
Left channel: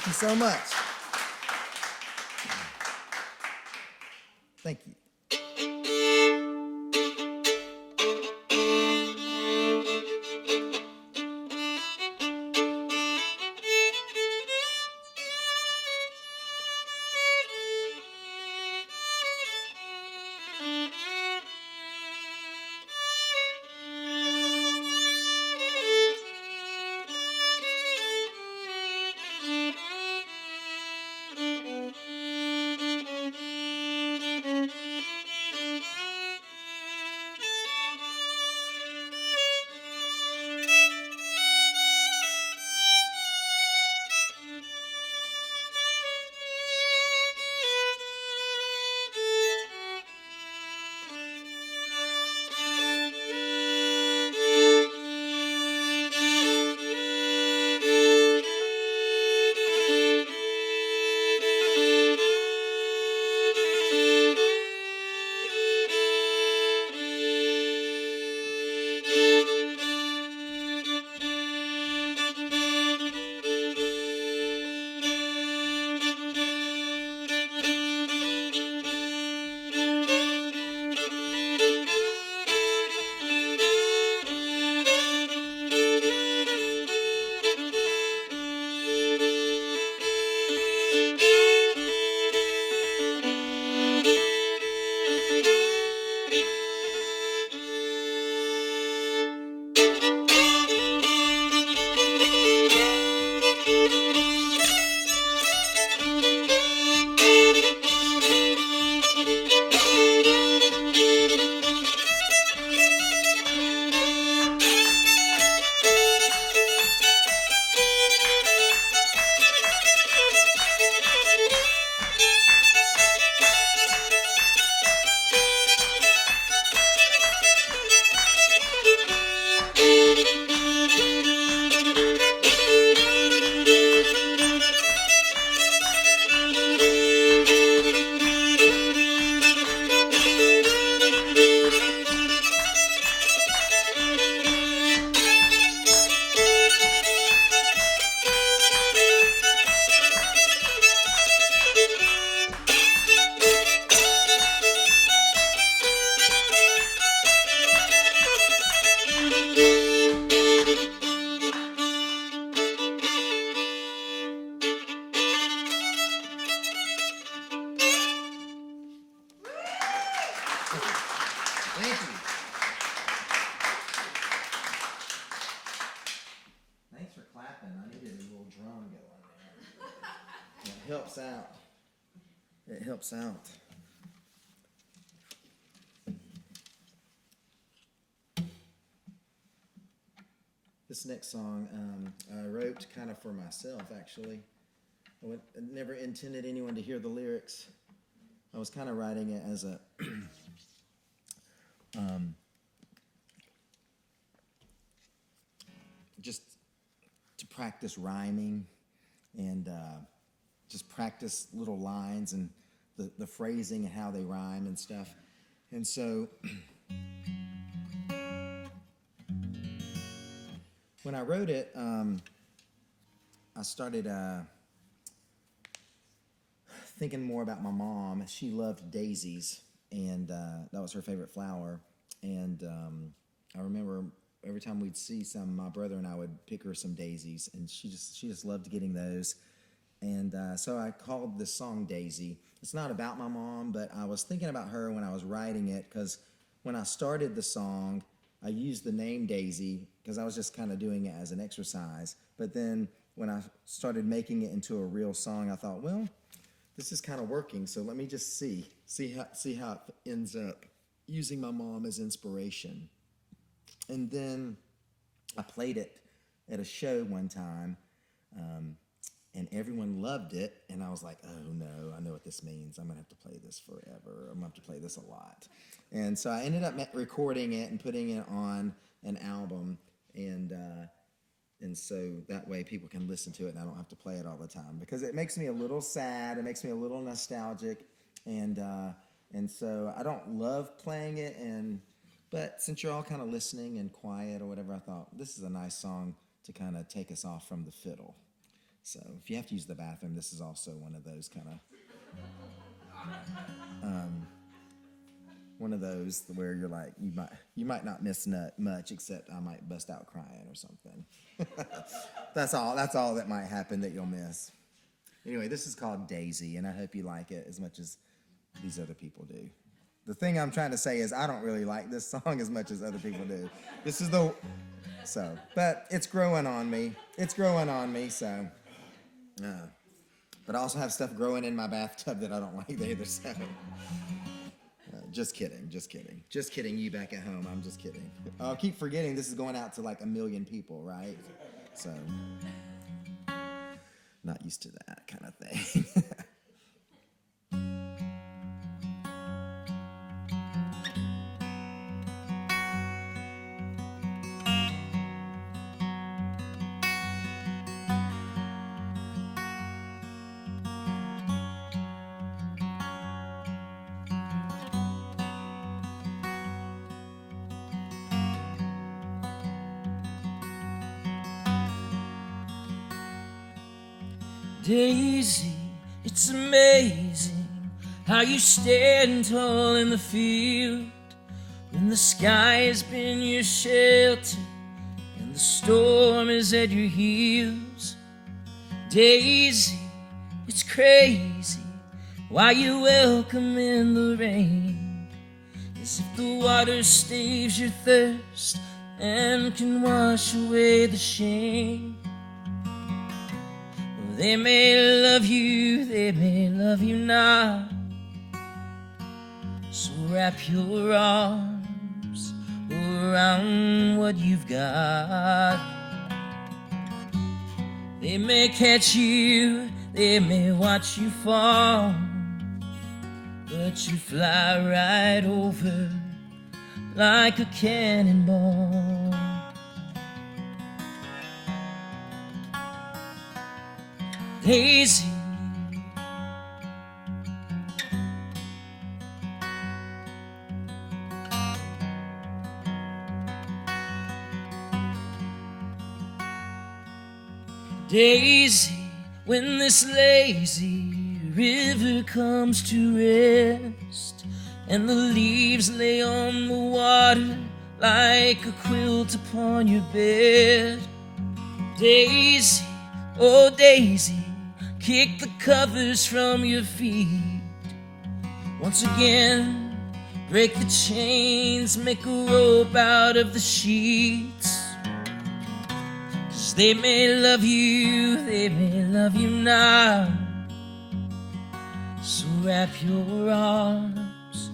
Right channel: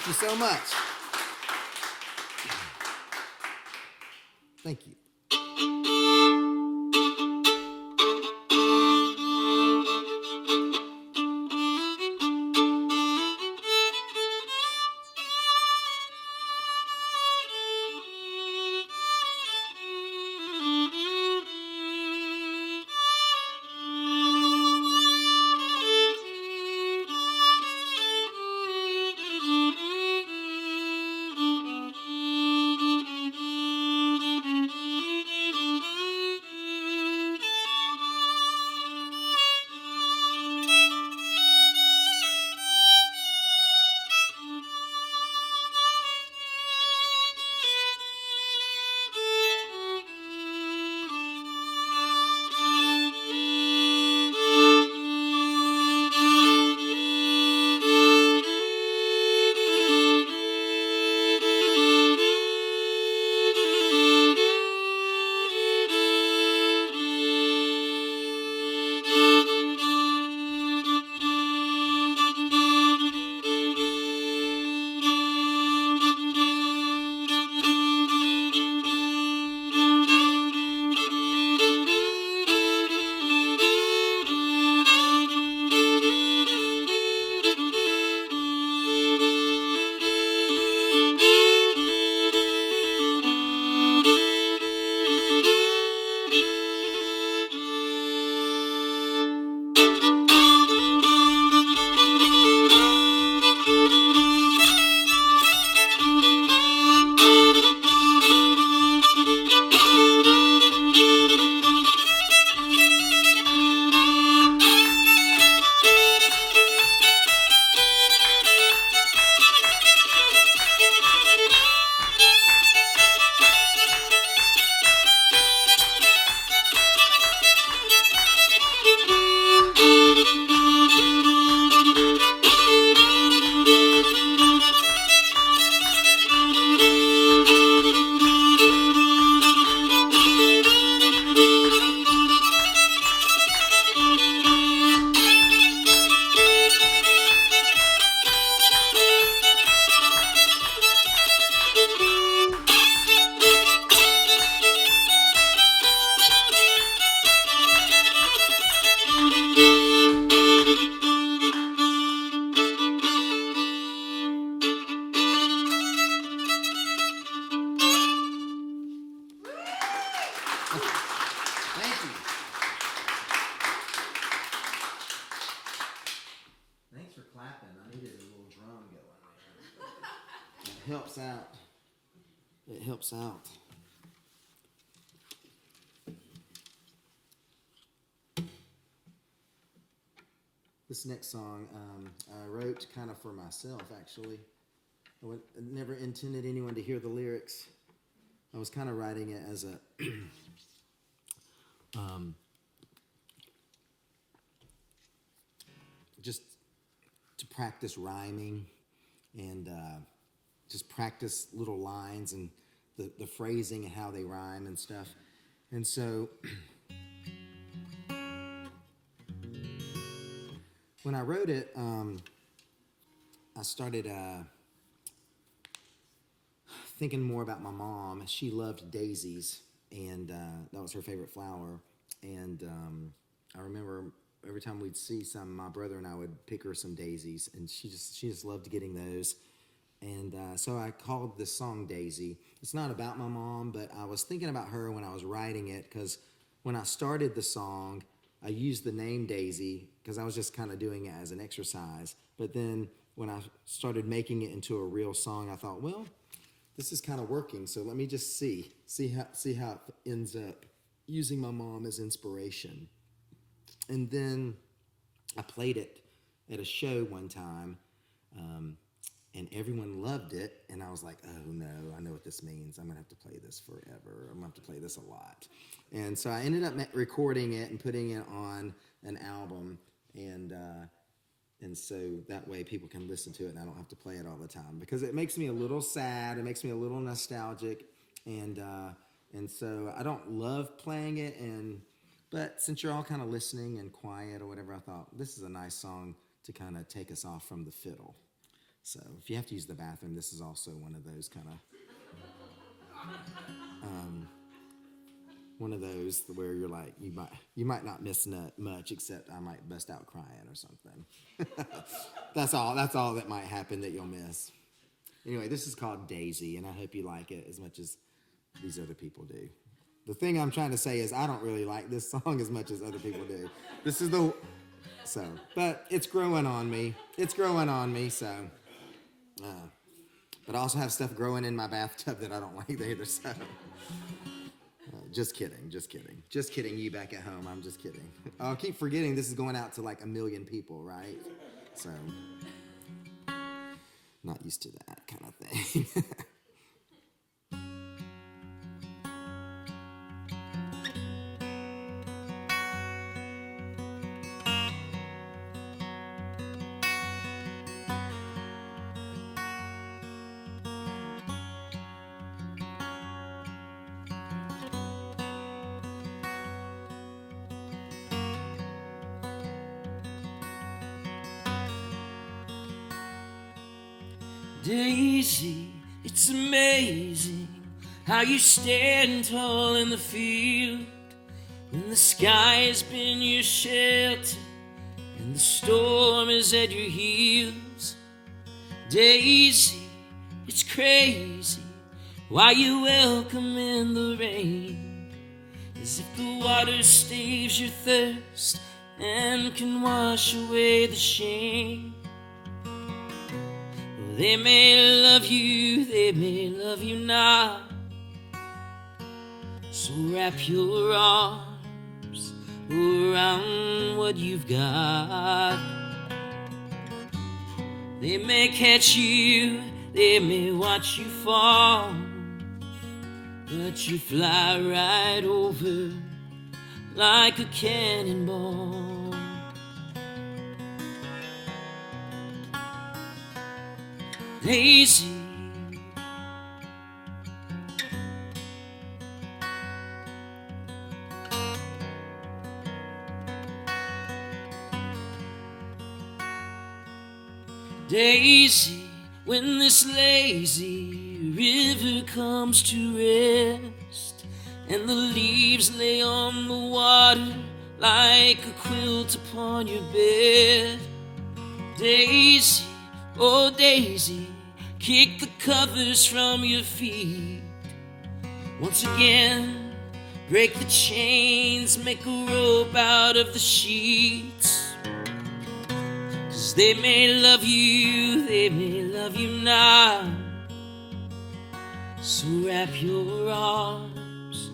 Thank you so much. Thank you. Thank you. Thanks for clapping. I needed a little drum going there. It helps out. It helps out. This next song I wrote kind of for myself, actually. I never intended anyone to hear the lyrics. I was kind of writing it as a just to practice rhyming and just practice little lines and the phrasing and how they rhyme and stuff. And so when I wrote it, I started thinking more about my mom. She loved daisies, and that was her favorite flower. And I remember every time we'd see some, my brother and I would pick her some daisies, and she just loved getting those. And so I called this song Daisy. It's not about my mom, but I was thinking about her when I was writing it, because when I started the song, I used the name Daisy because I was just kind of doing it as an exercise. But then when I started making it into a real song, I thought, well, this is kind of working, so let me just see how it ends up, using my mom as inspiration. And then I played it at a show one time, and everyone loved it, and I was like, oh no, I know what this means. I'm going to have to play this forever. I'm going to have to play this a lot. And so I ended up recording it and putting it on an album, and so that way people can listen to it and I don't have to play it all the time, because it makes me a little sad, it makes me a little nostalgic, and so I don't love playing it, but since you're all kind of listening and quiet or whatever, I thought this is a nice song to kind of take us off from the fiddle. So if you have to use the bathroom, this is also one of those kind of, one of those where you're like, you might not miss much, except I might bust out crying or something. That's all that might happen that you'll miss. Anyway, this is called Daisy, and I hope you like it as much as these other people do. The thing I'm trying to say is I don't really like this song as much as other people do. But it's growing on me. So. But I also have stuff growing in my bathtub that I don't like either, so. Just kidding. You back at home, I'm just kidding. I'll keep forgetting this is going out to like 1 million people, right? So, not used to that kind of thing. Daisy, it's amazing how you stand tall in the field when the sky has been your shelter and the storm is at your heels. Daisy, it's crazy why you welcome in the rain, as if the water staves your thirst and can wash away the shame. They may love you, they may love you not, so wrap your arms around what you've got. They may catch you, they may watch you fall, but you fly right over like a cannonball. Daisy, Daisy, when this lazy river comes to rest and the leaves lay on the water like a quilt upon your bed, Daisy, oh Daisy, kick the covers from your feet. Once again, break the chains, make a rope out of the sheets. 'Cause they may love you, they may love you not, so wrap your arms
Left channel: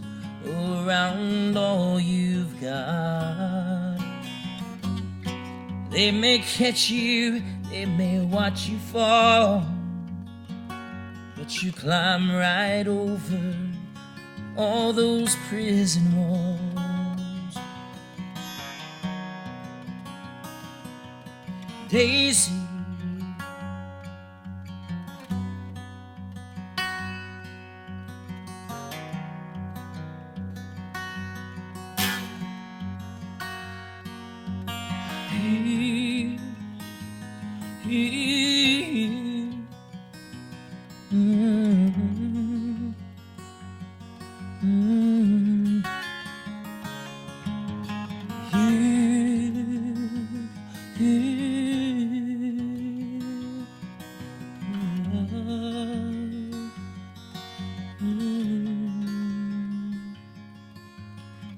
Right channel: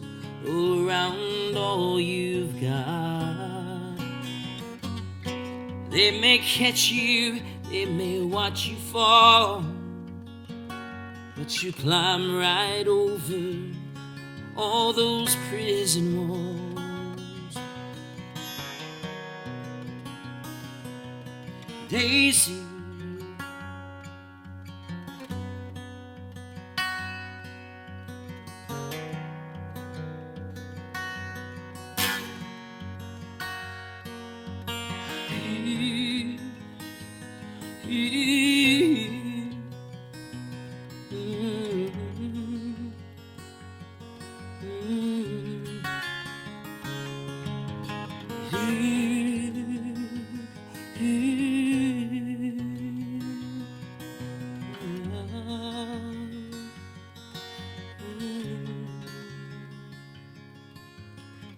around all you've got. They may catch you, they may watch you fall, but you climb right over all those prison walls. Daisy,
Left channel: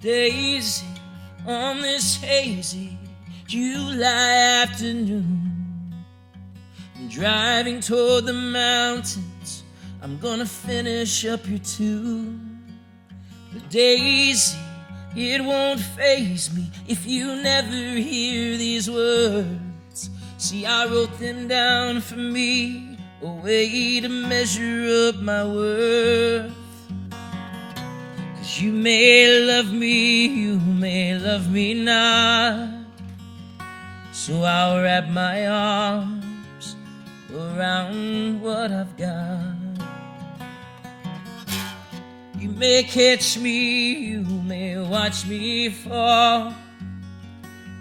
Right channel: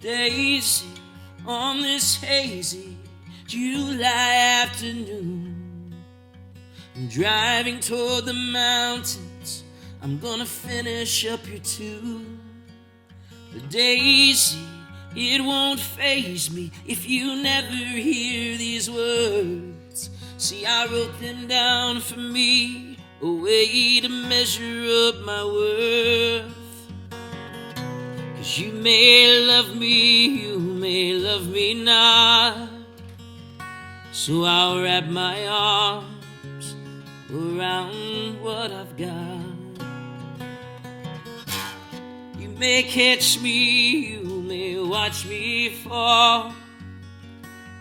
Daisy, on this hazy July afternoon, I'm driving toward the mountains, I'm gonna finish up your tune. But Daisy, it won't faze me if you never hear these words. See, I wrote them down for me, a way to measure up my worth. 'Cause you may love me, you may love me not, so I'll wrap my arms around what I've got. You may catch me, you may watch me fall,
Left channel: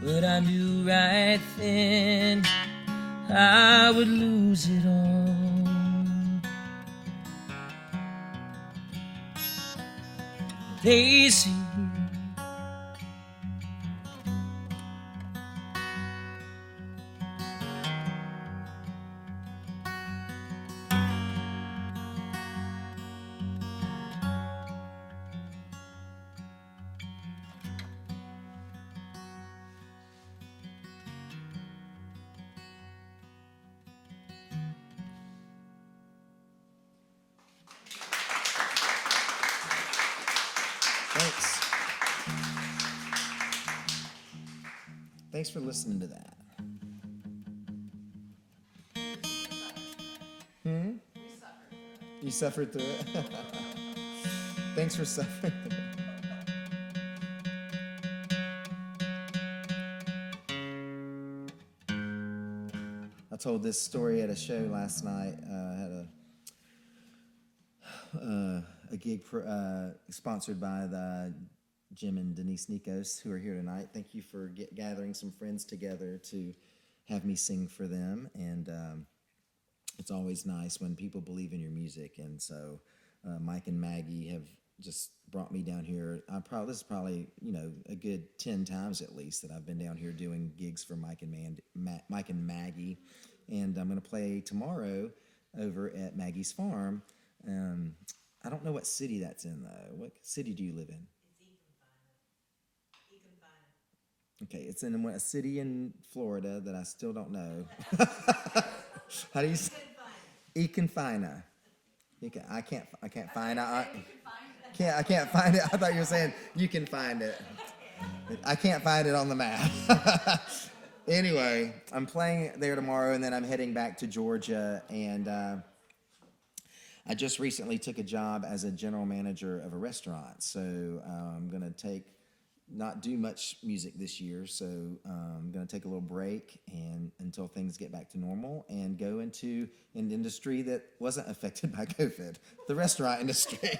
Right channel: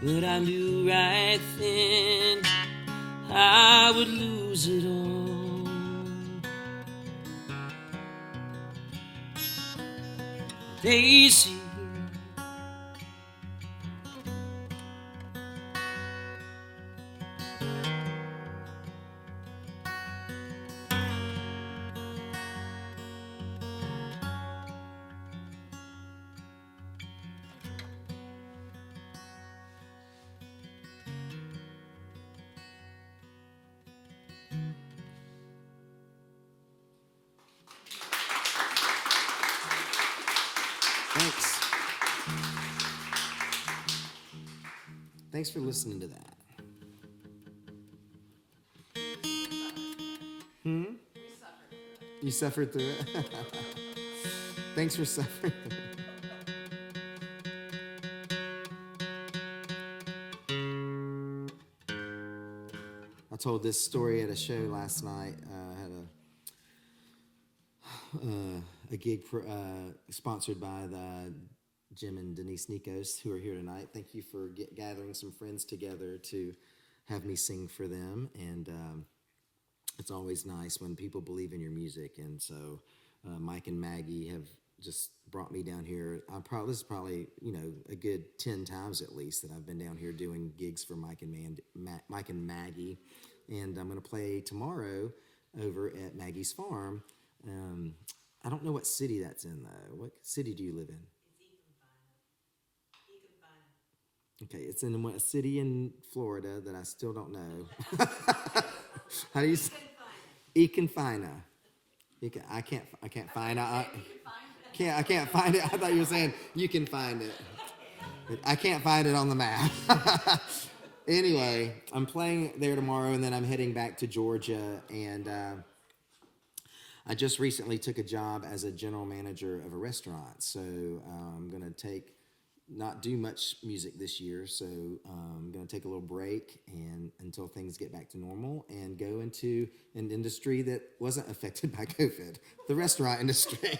but I knew right then I would lose it all. Daisy, Thanks. Thanks for listening to that. You suffered through it? Thanks for suffering. I told this story at a show last night. I had a gig sponsored by the Jim and Denise Nikos, who are here tonight. Thank you for gathering some friends together to have me sing for them. And it's always nice when people believe in your music. And so Mike and Maggie have just brought me down here. This is probably, a good 10 times at least that I've been down here doing gigs for Mike and Maggie. And I'm going to play tomorrow over at Maggie's Farm. I don't know what city that's in, though. What city do you live in? Okay, it's in a city in Florida that I still don't know. How do you say? Econfina. I can't find it. I can't find it. I thought you were saying you can find it. I can't find it on the map. Anyway, I'm playing there tomorrow, and then I'm heading back to Georgia, and I just recently took a job as a general manager of a restaurant, so I'm going to not do much music this year, so I'm going to take a little break until things get back to normal and go into an industry that wasn't affected by COVID, the restaurant industry.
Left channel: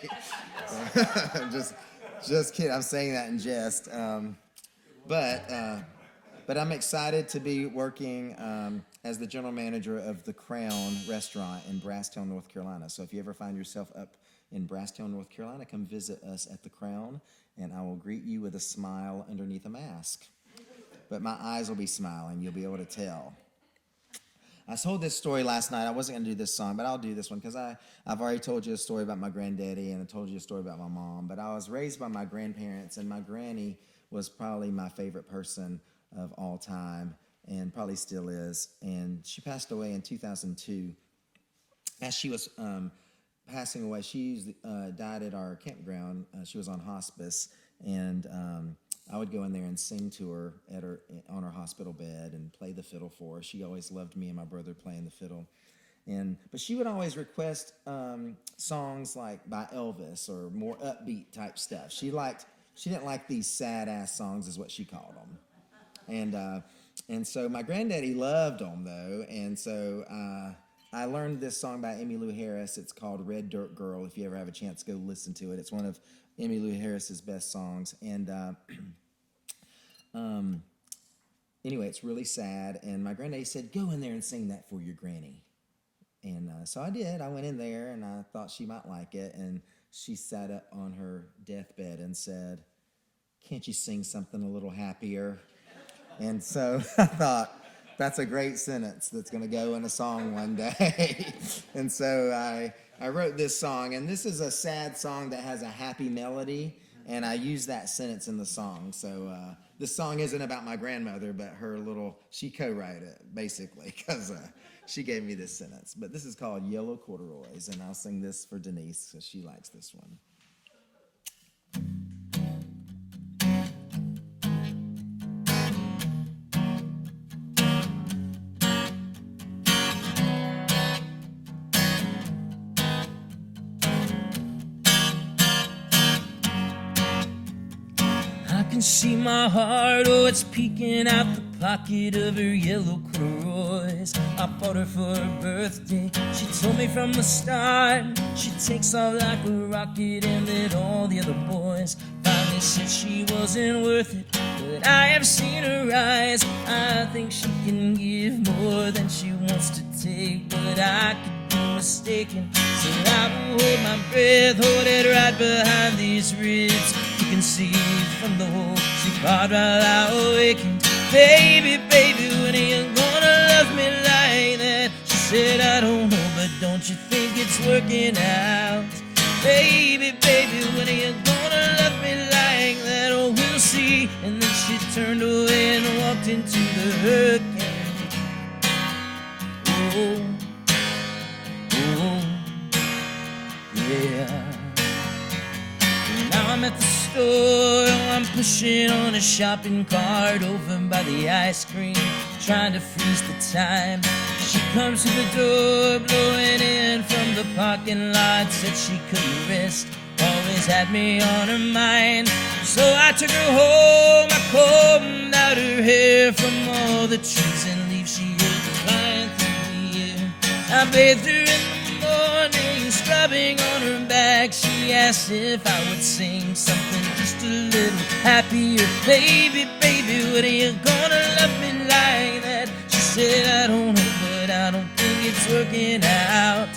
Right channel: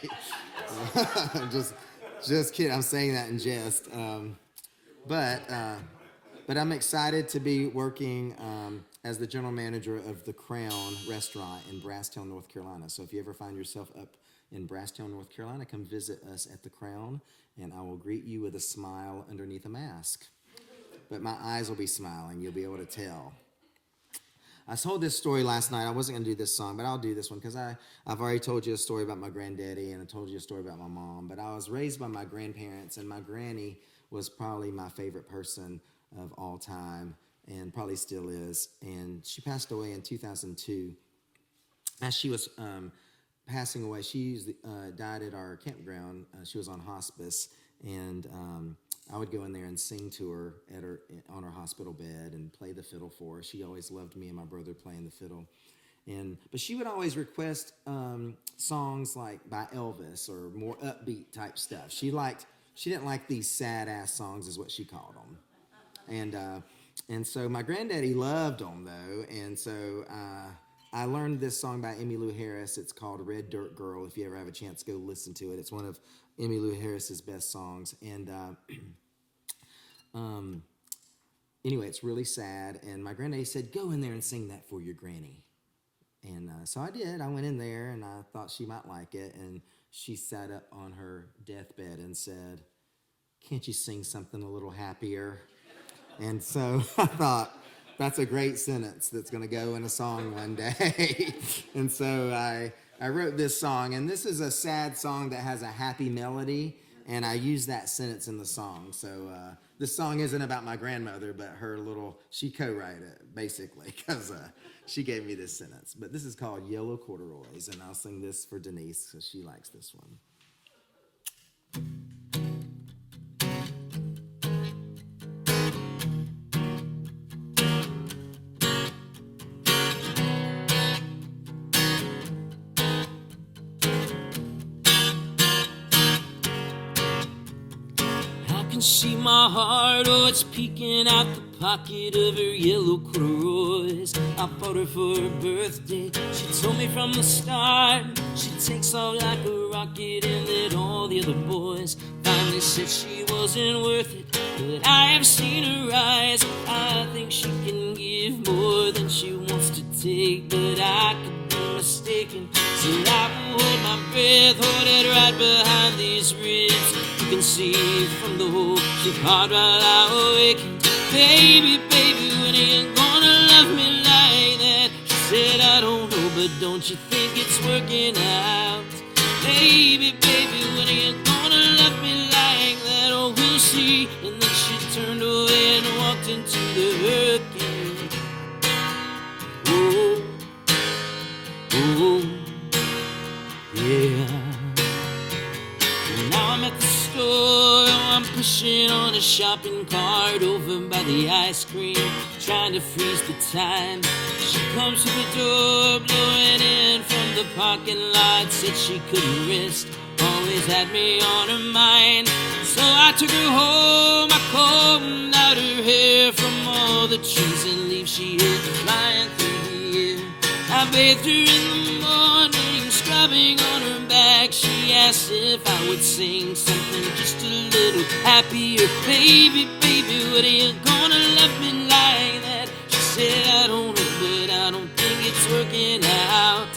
Just kidding. I'm saying that in jest. But I'm excited to be working as the general manager of the Crown restaurant in Brasstown, North Carolina. So if you ever find yourself up in Brasstown, North Carolina, come visit us at the Crown, and I will greet you with a smile underneath a mask. But my eyes will be smiling. You'll be able to tell. I told this story last night. I wasn't going to do this song, but I'll do this one because I've already told you a story about my granddaddy, and I told you a story about my mom. But I was raised by my grandparents, and my granny was probably my favorite person of all time, and probably still is. And she passed away in 2002. As she was passing away, she died at our campground. She was on hospice, and I would go in there and sing to her on her hospital bed and play the fiddle for her. She always loved me and my brother playing the fiddle. But she would always request songs like by Elvis or more upbeat type stuff. She didn't like these sad ass songs, is what she called them. And so my granddaddy loved them, though, and so I learned this song by Emmylou Harris. It's called Red Dirt Girl. If you ever have a chance, go listen to it. It's one of Emmylou Harris's best songs. And anyway, it's really sad, and my granddaddy said, go in there and sing that for your granny. And so I did. I went in there, and I thought she might like it, and she sat up on her deathbed and said, can't you sing something a little happier? And so I thought, that's a great sentence that's going to go in a song one day. And so I wrote this song, and this is a sad song that has a happy melody, and I use that sentence in the song. So this song isn't about my grandmother, but she co-wrote it, basically, because she gave me this sentence. But this is called Yellow Corduroys, and I'll sing this for Denise, because she likes this one. can see my heart, oh, it's peeking out the pocket of her yellow corduroys. I fought her for her birthday. She told me from the start she takes off like a rocket and that all the other boys find They said she wasn't worth it, but I have seen her rise. I think she can give more than she wants to take, but I could be mistaken. So I will hold my breath, hold it right behind these ribs. You can see from the hole she carved while I awakened. Baby, baby, when are you gonna love me like that? She said, I don't know, but don't you think it's working out? Baby, baby, when are you gonna love me like that? Oh, we'll see. And then she turned away and walked into the hurricane. Oh, oh, yeah. Now I'm at the store, I'm pushing on a shopping cart over by the ice cream, trying to freeze the time. She comes to the door, blowing in from the parking lot. Said she couldn't rest, always had me on her mind. So I took her home, I combed out her hair from all the trees and leaves she heard flying through the air. I bathed her in the morning, scrubbing on her back. She asked if I would sing something just a little happier. Baby, baby, when are you gonna love me like that? She said, I don't know, but I don't think it's working out.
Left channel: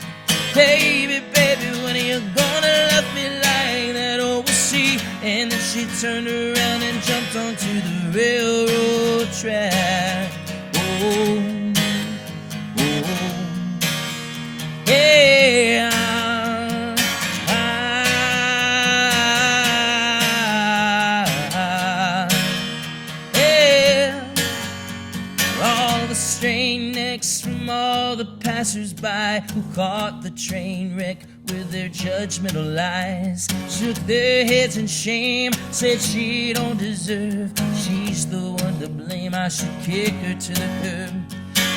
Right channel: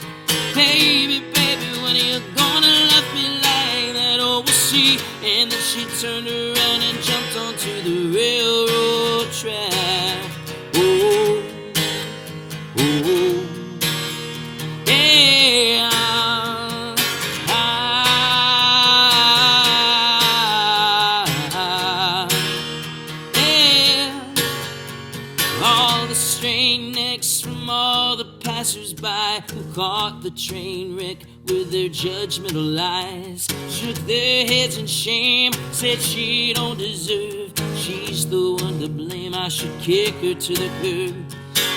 Baby, baby, when are you gonna love me like that? Oh, we'll see. And then she turned around and jumped onto the railroad track. Oh, oh, yeah. All the strain necks from all the passers-by who caught the train wreck with their judgmental lies shook their heads in shame, said she don't deserve, she's the one to blame, I should kick her to the curb.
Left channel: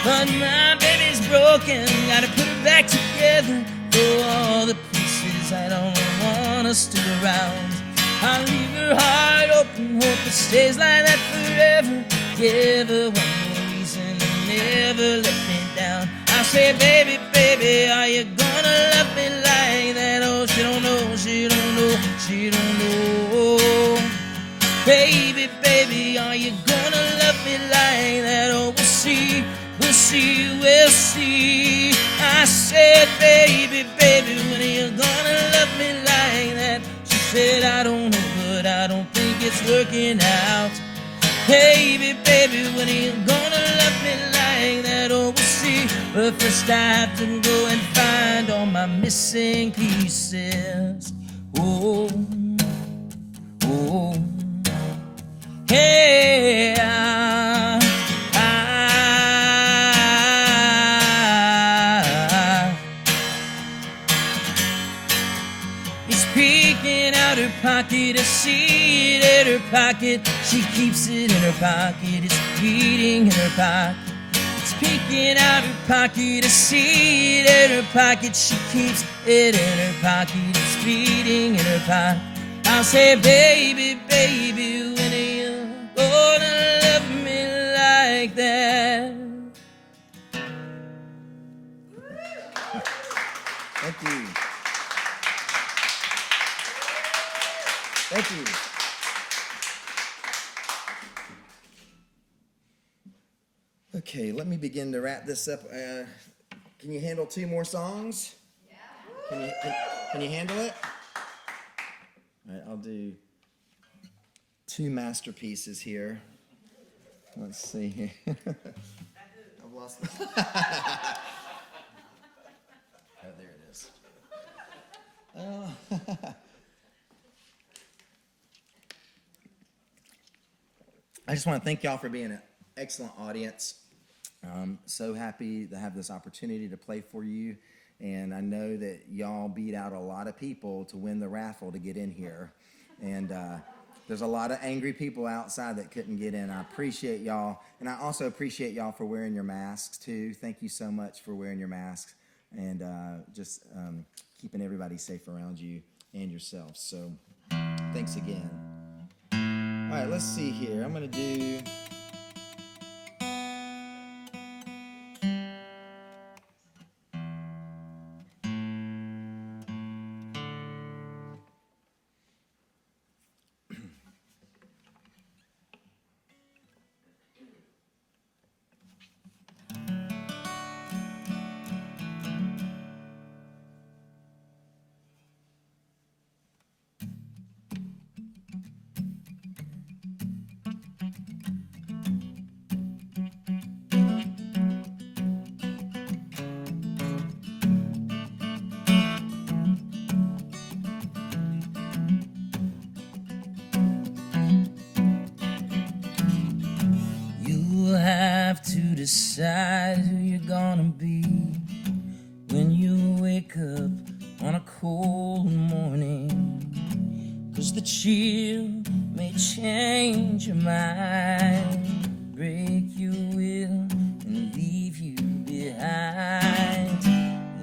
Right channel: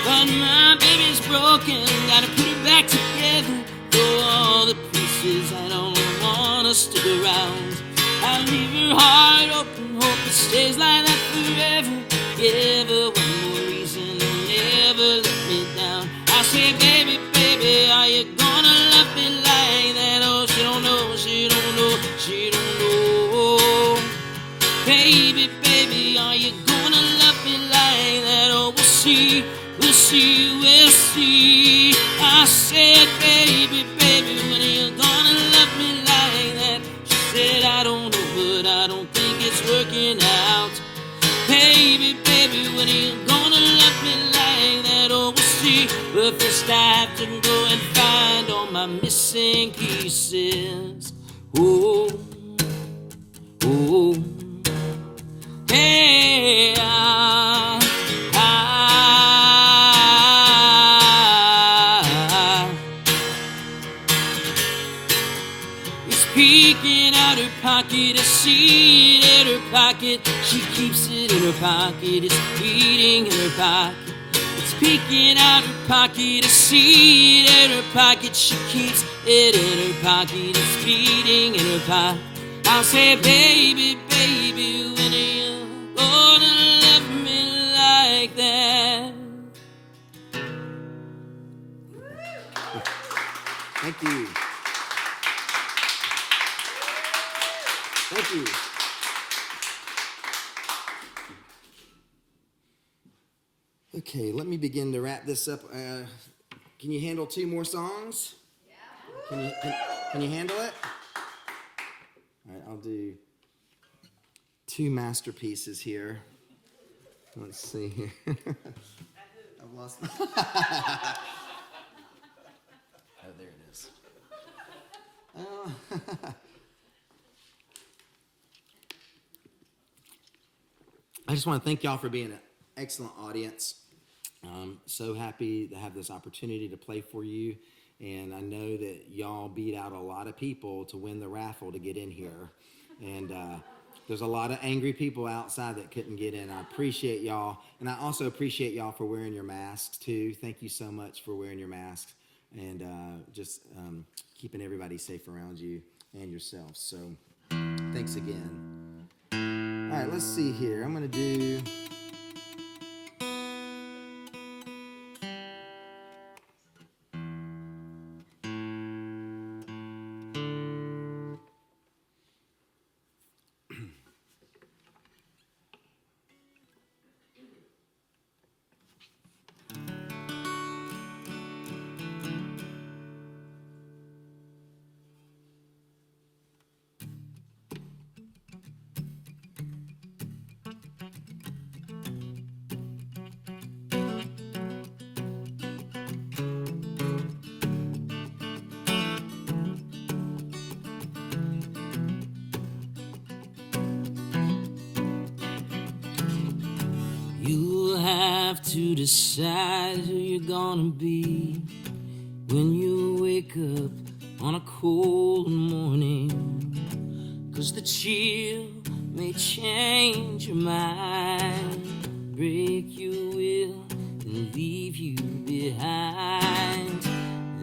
But my baby's broken, gotta put her back together. For all the pieces, I don't want to stick around. I leave her heart open, hope it stays like that forever. Give her one more reason to never let me down. I say, baby, baby, are you gonna love me like that? Oh, she don't know, she don't know, she don't know. Baby, baby, are you gonna love me like that? Oh, we'll see, we'll see, we'll see. I said, baby, baby, when are you gonna love me like that? She said, I don't know, but I don't think it's working out. Baby, baby, when are you gonna love me like that? Oh, we'll see. But first I have to go and find all my missing pieces. Oh, oh, hey, It's peeking out her pocket, a seed in her pocket. She keeps it in her pocket, it's beating in her pocket. It's peeking out her pocket, a seed in her pocket. She keeps it in her pocket, it's beating in her pocket. I'll say, baby, baby, when are you gonna love me like that? Thank you. Thank you. Okay, let me begin to wrap this up. Can you handle 2 more songs? Yeah. Can you handle it? All right, I'll do 2 masterpieces here. Let's see here. I've lost. Oh, there it is. I just want to thank y'all for being an excellent audience. So happy to have this opportunity to play for you. And I know that y'all beat out a lot of people to win the raffle to get in here. And there's a lot of angry people outside that couldn't get in. I appreciate y'all. And I also appreciate y'all for wearing your masks, too. Thank you so much for wearing your masks and just keeping everybody safe around you and yourself. So thanks again. All right, let's see here. I'm going to do... have to decide who you're gonna be when you wake up on a cold morning. 'Cause the chill may change your mind, break your will and leave you behind.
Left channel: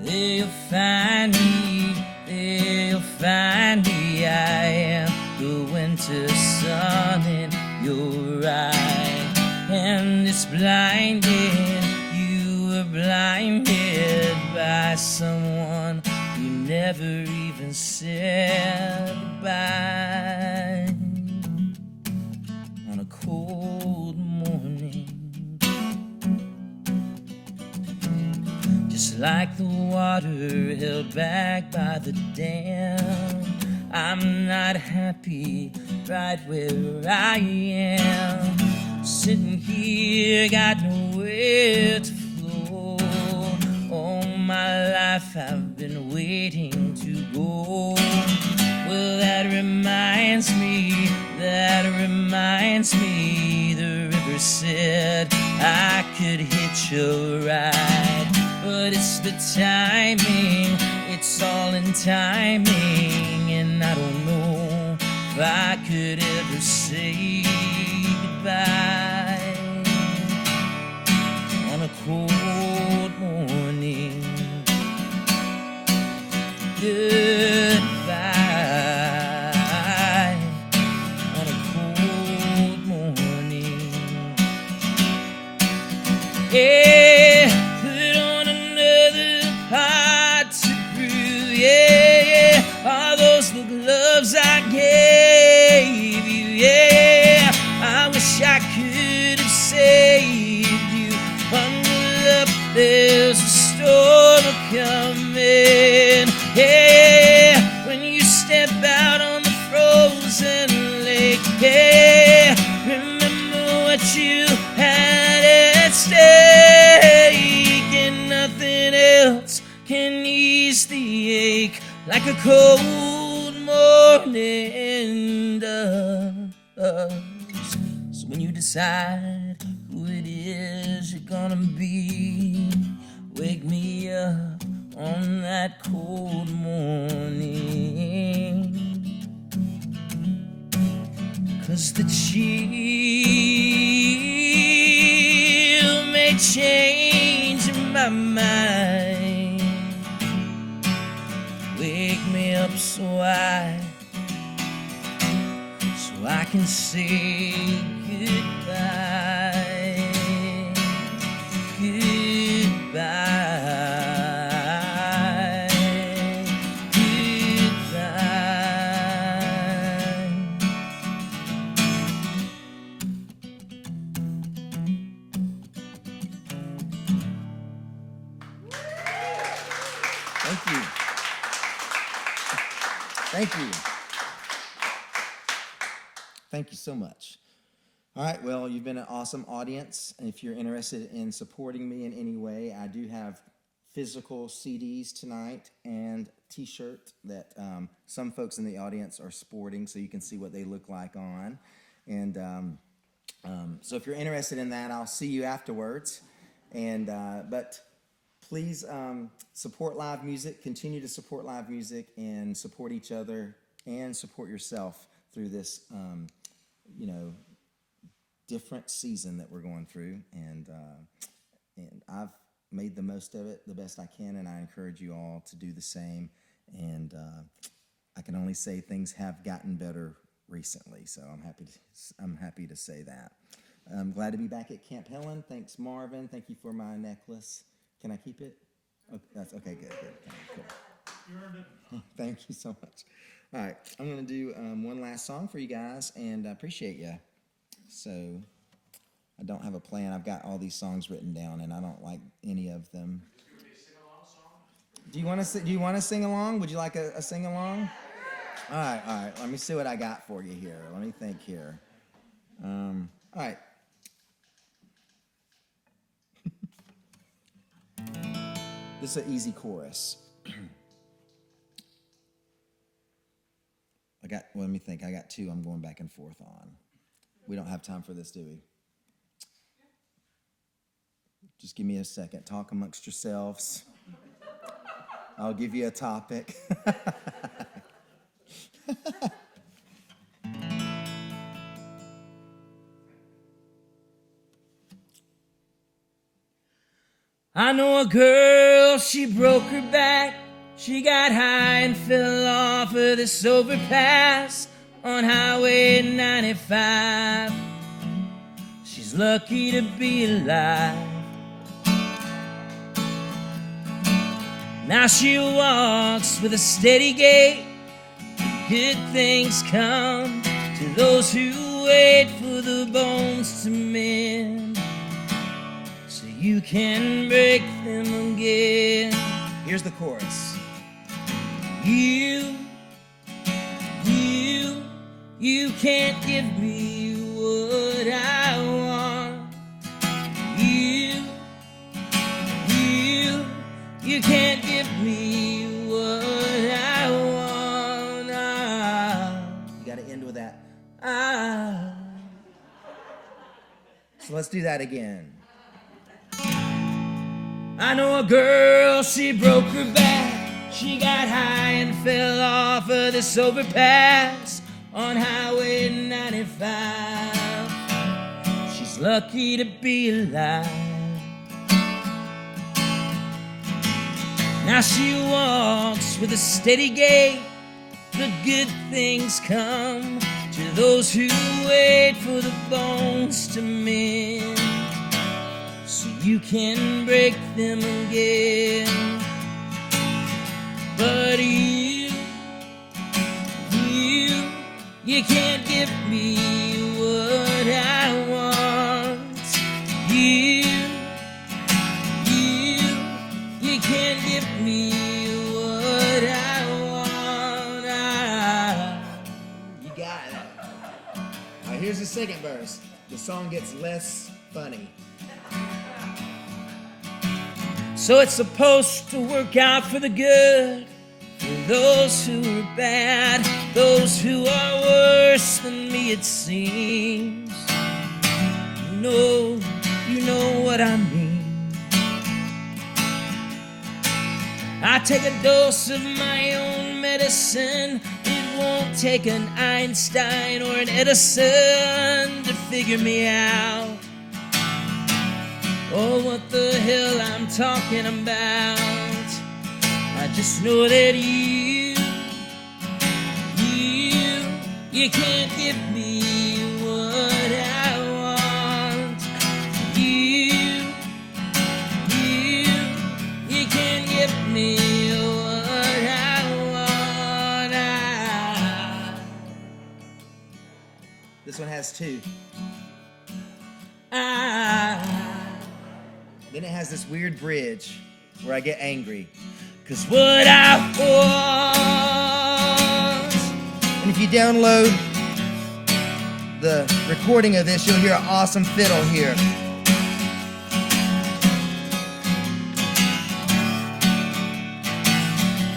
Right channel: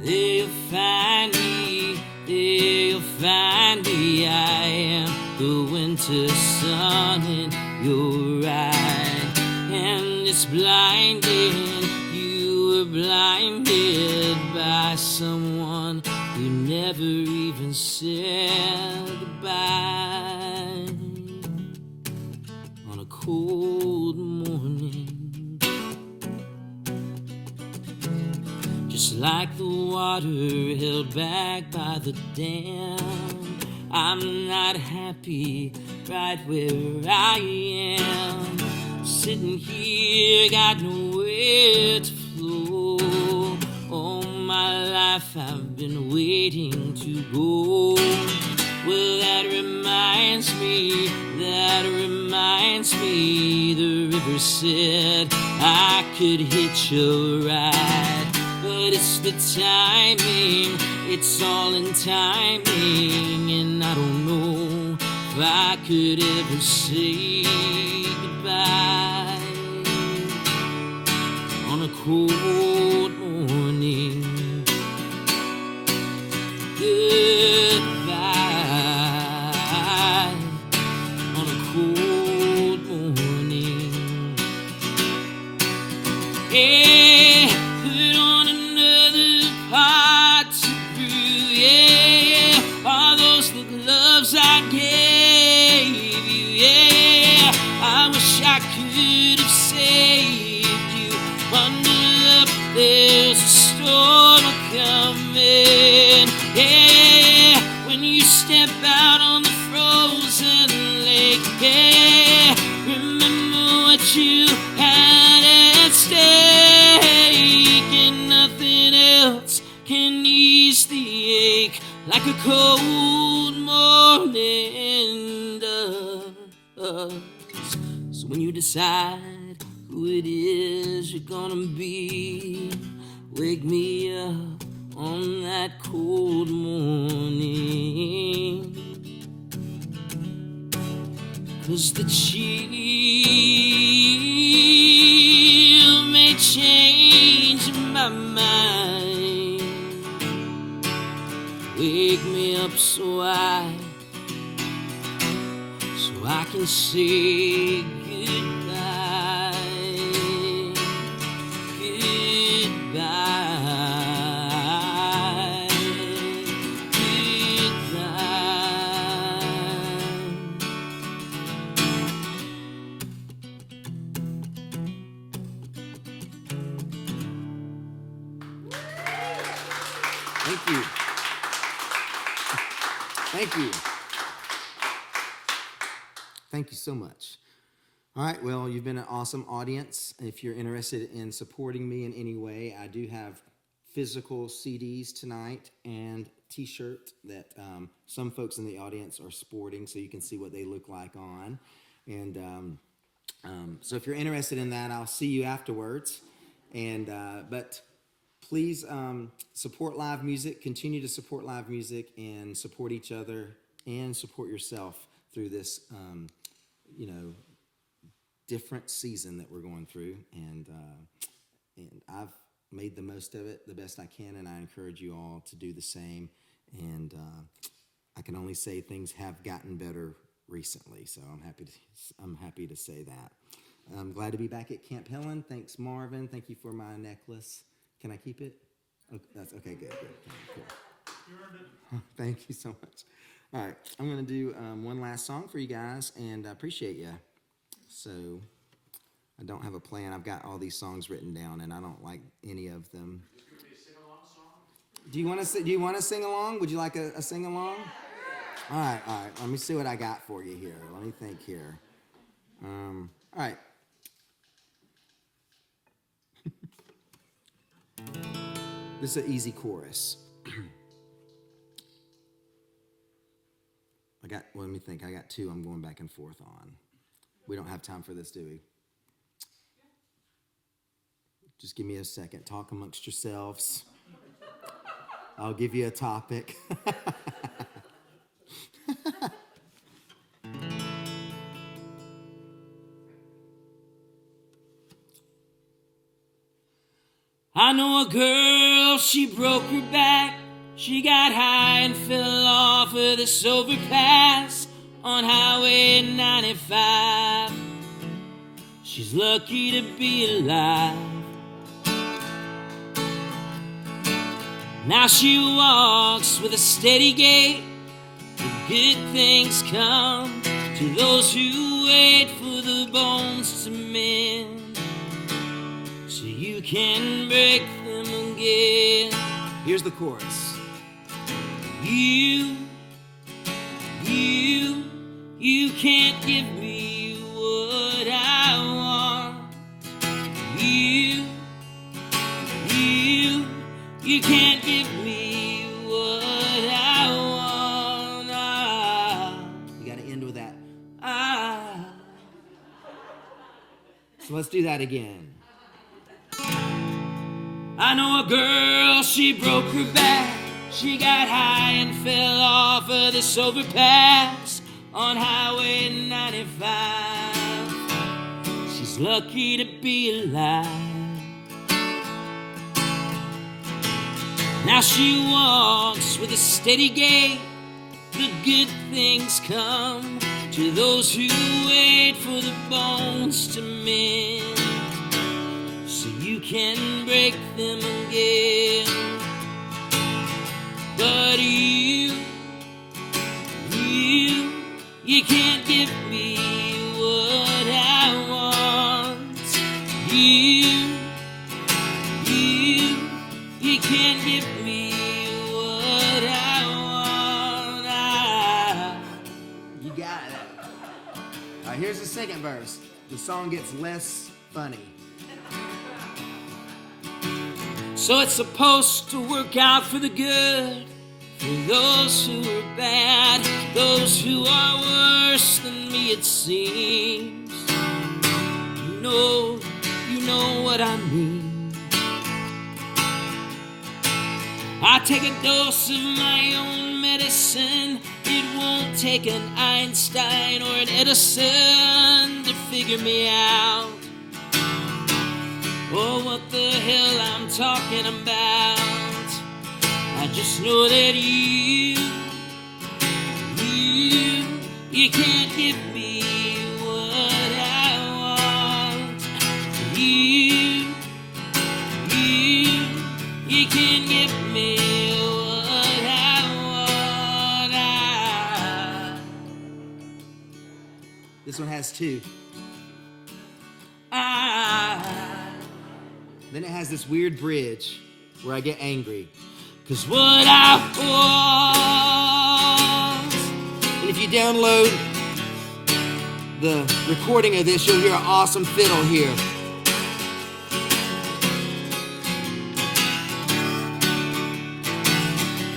There you'll find me, there you'll find me. I am the winter sun in your eye, and it's blinding. You were blinded by someone who never even said goodbye. On a cold morning, just like the water held back by the dam, I'm not happy right where I am. Sitting here, got nowhere to flow. All my life I've been waiting to go. Well, that reminds me, the river said I could hitch a ride. But it's the timing, it's all in timing, and I don't know if I could ever say goodbye on a cold morning. Goodbye on a cold morning. Yeah, put on another pot to brew. Yeah, all those the gloves I gave you. Yeah, I wish I could have saved you. Bundle up, there's a storm coming. Yeah, when you step out on the frozen lake. Yeah, remember what you had at stake, and nothing else can ease the ache like a cold morning does. So when you decide who it is you're gonna be, wake me up on that cold morning. 'Cause the chill may change my mind. Wake me up so I can say goodbye. Goodbye. Goodbye. Thank you. Thank you. Thank you so much. All right, well, you've been an awesome audience. If you're interested in supporting me in any way, I do have physical CDs tonight and T-shirt that some folks in the audience are sporting, so you can see what they look like on. And so if you're interested in that, I'll see you afterwards. And but please support live music, continue to support live music, and support each other and support yourself through this, different season that we're going through. And I've made the most of it the best I can, and I encourage you all to do the same. And I can only say things have gotten better recently, so I'm happy to say that. I'm glad to be back at Camp Helen. Thanks, Marvin. Thank you for my necklace. Can I keep it? Oh, that's okay. Good. Cool. You earned it. Thank you so much. All right, I'm going to do one last song for you guys, and I appreciate you. So I don't have a plan. I've got all these songs written down, and I don't like any of them. Do you want to sing along? Would you like a sing along? All right. Let me see what I got for you here. Let me think here. All right. This is an easy chorus. Let me think. I got two I'm going back and forth on. We don't have time for this, do we? Just give me a second. Talk amongst yourselves. I'll give you a topic. I know a girl, she broke her back. She got high and fell off of this overpass on Highway 95. She's lucky to be alive. Now she walks with a steady gait. Good things come to those who wait for the bones to mend, so you can break them again. Here's the chorus. You can't give me what I want. You can't give me what I want. You got to end with that. So let's do that again. I know a girl, she broke her back. She got high and fell off of this overpass on Highway 95. She's lucky to be alive. Now she walks with a steady gait. The good things come to those who wait for the bones to mend, so you can break them again. But you can't give me what I want. You can't give me what I want. You got it. All right, here's the second verse. The song gets less funny. So it's supposed to work out for the good, for those who are bad, those who are worse than me it seems. You know what I mean. I take a dose of my own medicine. It won't take an Einstein or an Edison to figure me out. Oh, what the hell I'm talking about. I just know that you can't give me what I want. You can't give me what I want. This one has two. Then it has this weird bridge where I get angry. 'Cause what I want. And if you download the recording of this, you'll hear an awesome fiddle here.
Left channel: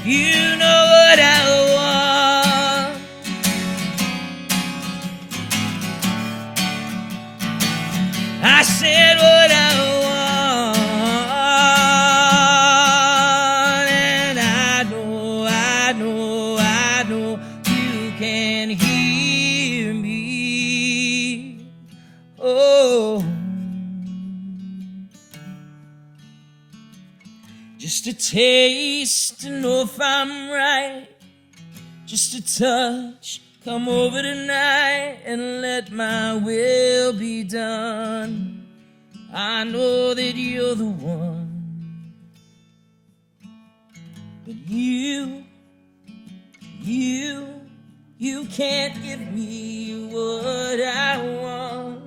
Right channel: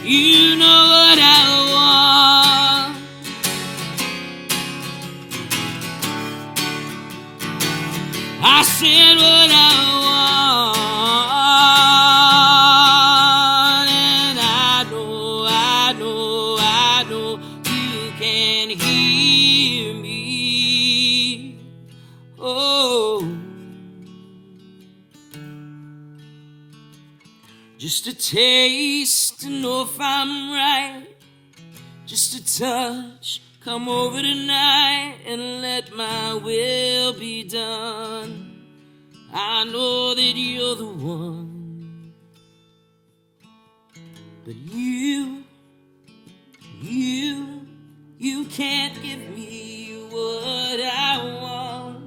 You know what I want. I said what I want, and I know you can hear me. Oh, just a taste to know if I'm right. Just a touch, come over tonight and let my will be done. I know that you're the one, but you can't give me what I want.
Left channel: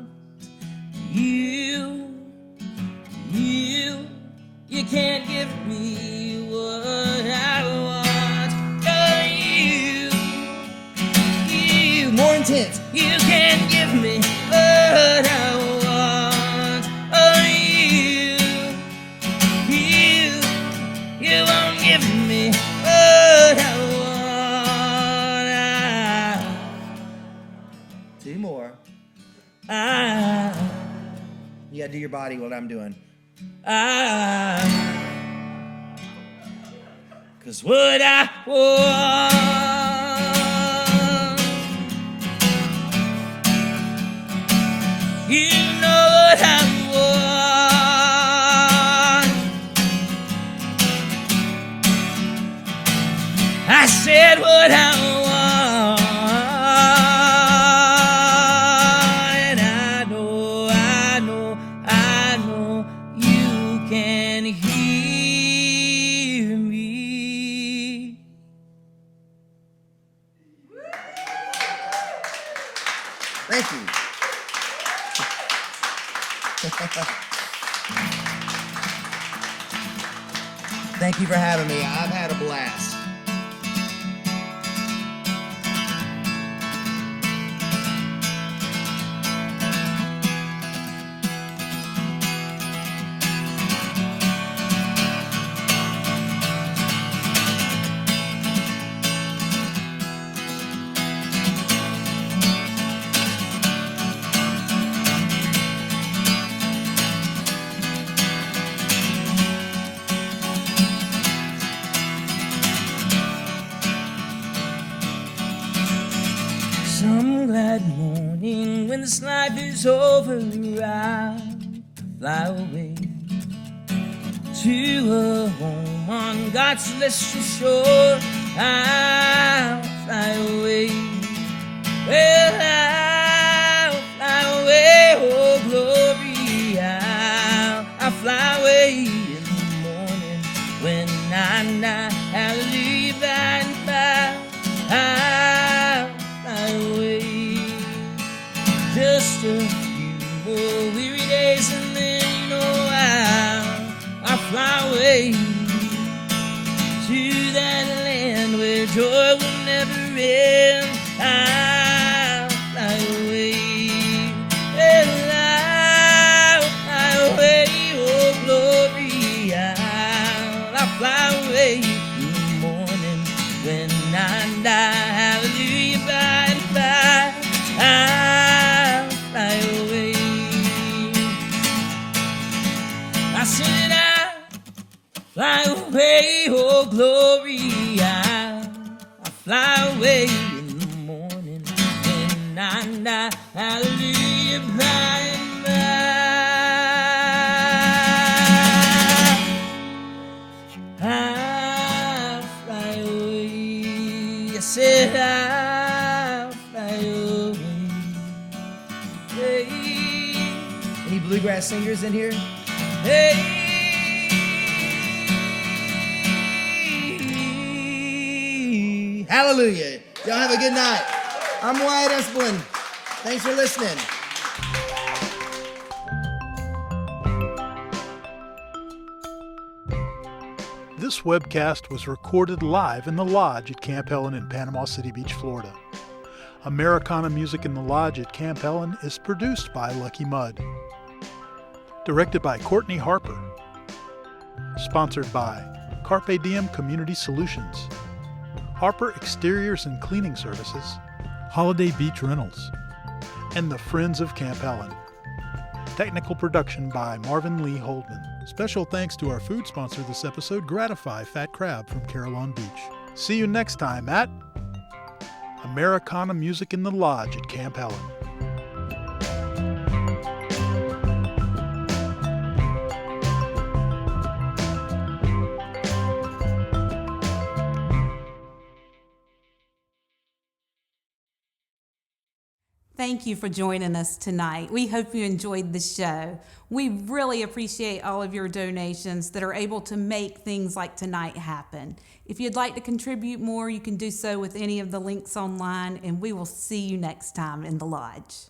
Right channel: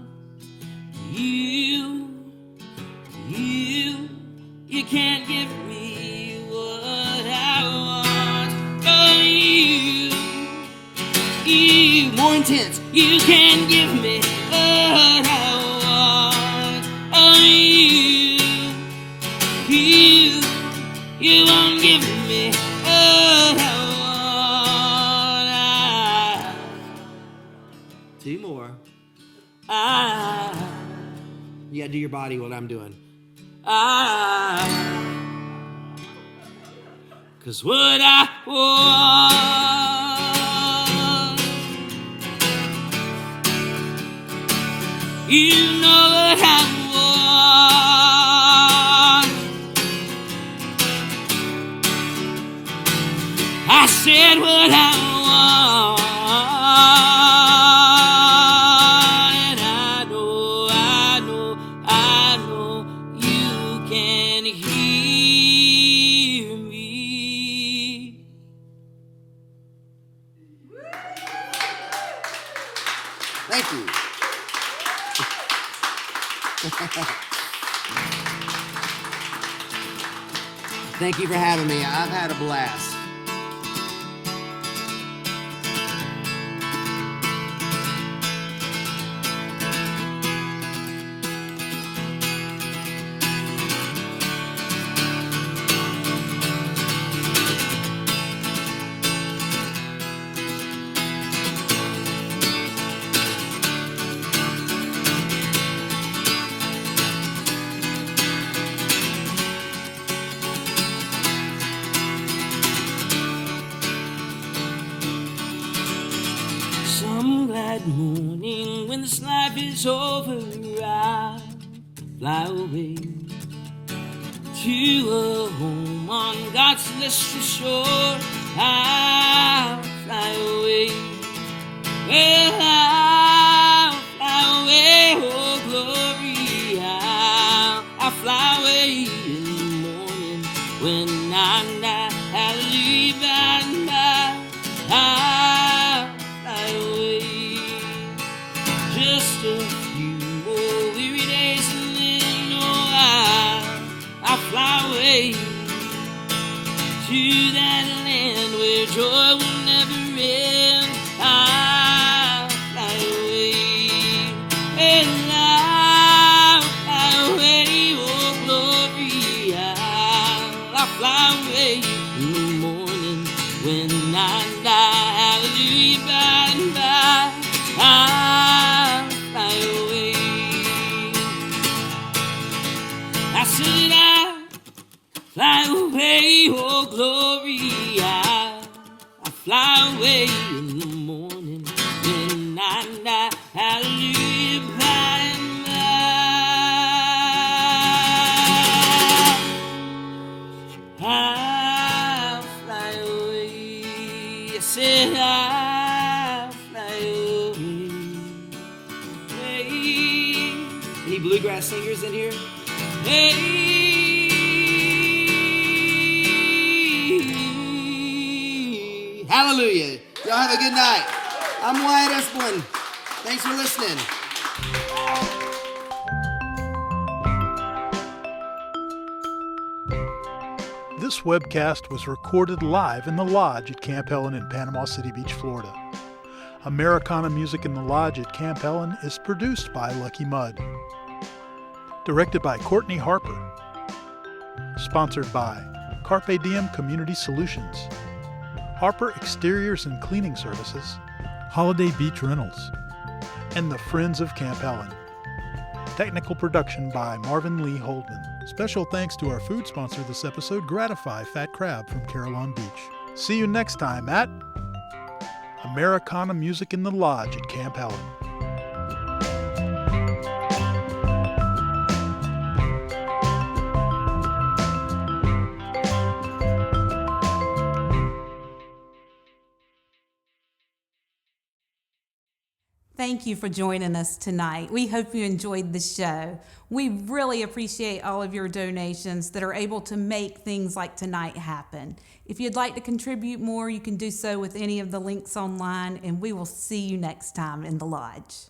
You can't give me what I want. Oh, you More intense. you can't give me what I want. Oh, you won't give me what I want. Two more. I You gotta do your body what I'm doing. 'Cause what I want, you know what I want. I said what I want, and I know you can hear me. Thank you. Thank you for having me. I've had a blast. Some glad morning when this life is over, I'll fly away to a home on God's celestial shore. I'll fly away. Well, I'll fly away, oh glory. I'll fly away in the morning when I'm not. Hallelujah, by and by. I'll fly away. Just a few more weary days and then, oh, I'll fly away to that land where joy will never end. I'll fly away. Well, I'll fly away, oh glory. I'll fly away in the morning when I die. Hallelujah, by and by. I'll fly away. I said I'll fly away, oh glory. I'll fly away in the morning when I die. Hallelujah, by and by. I'll fly away. I said I'll fly away. Hey. Any bluegrass singers in here? Hey, Hallelujah. Y'all have a good night. I'm Wyatt Espalin. Thanks for listening. This webcast was recorded live in the Lodge at Camp Helen in Panama City Beach, Florida. Americana Music in the Lodge at Camp Helen is produced by Lucky Mudd. Directed by Courtney Harper. Sponsored by Carpe Diem Community Solutions, Harper Exteriors and Cleaning Services, Holiday Beach Rentals, and the Friends of Camp Helen. Technical production by Marvin Lee Holdman. Special thanks to our food sponsor this episode, Gratify Fat Crab from Carillon Beach. See you next time at Americana Music in the Lodge at Camp Helen. Thank you for joining us tonight. We hope you enjoyed the show. We really appreciate all of your donations that are able to make things like tonight happen. If you'd like to contribute more, you can do so with any of the links online, and we will see you next time in the Lodge.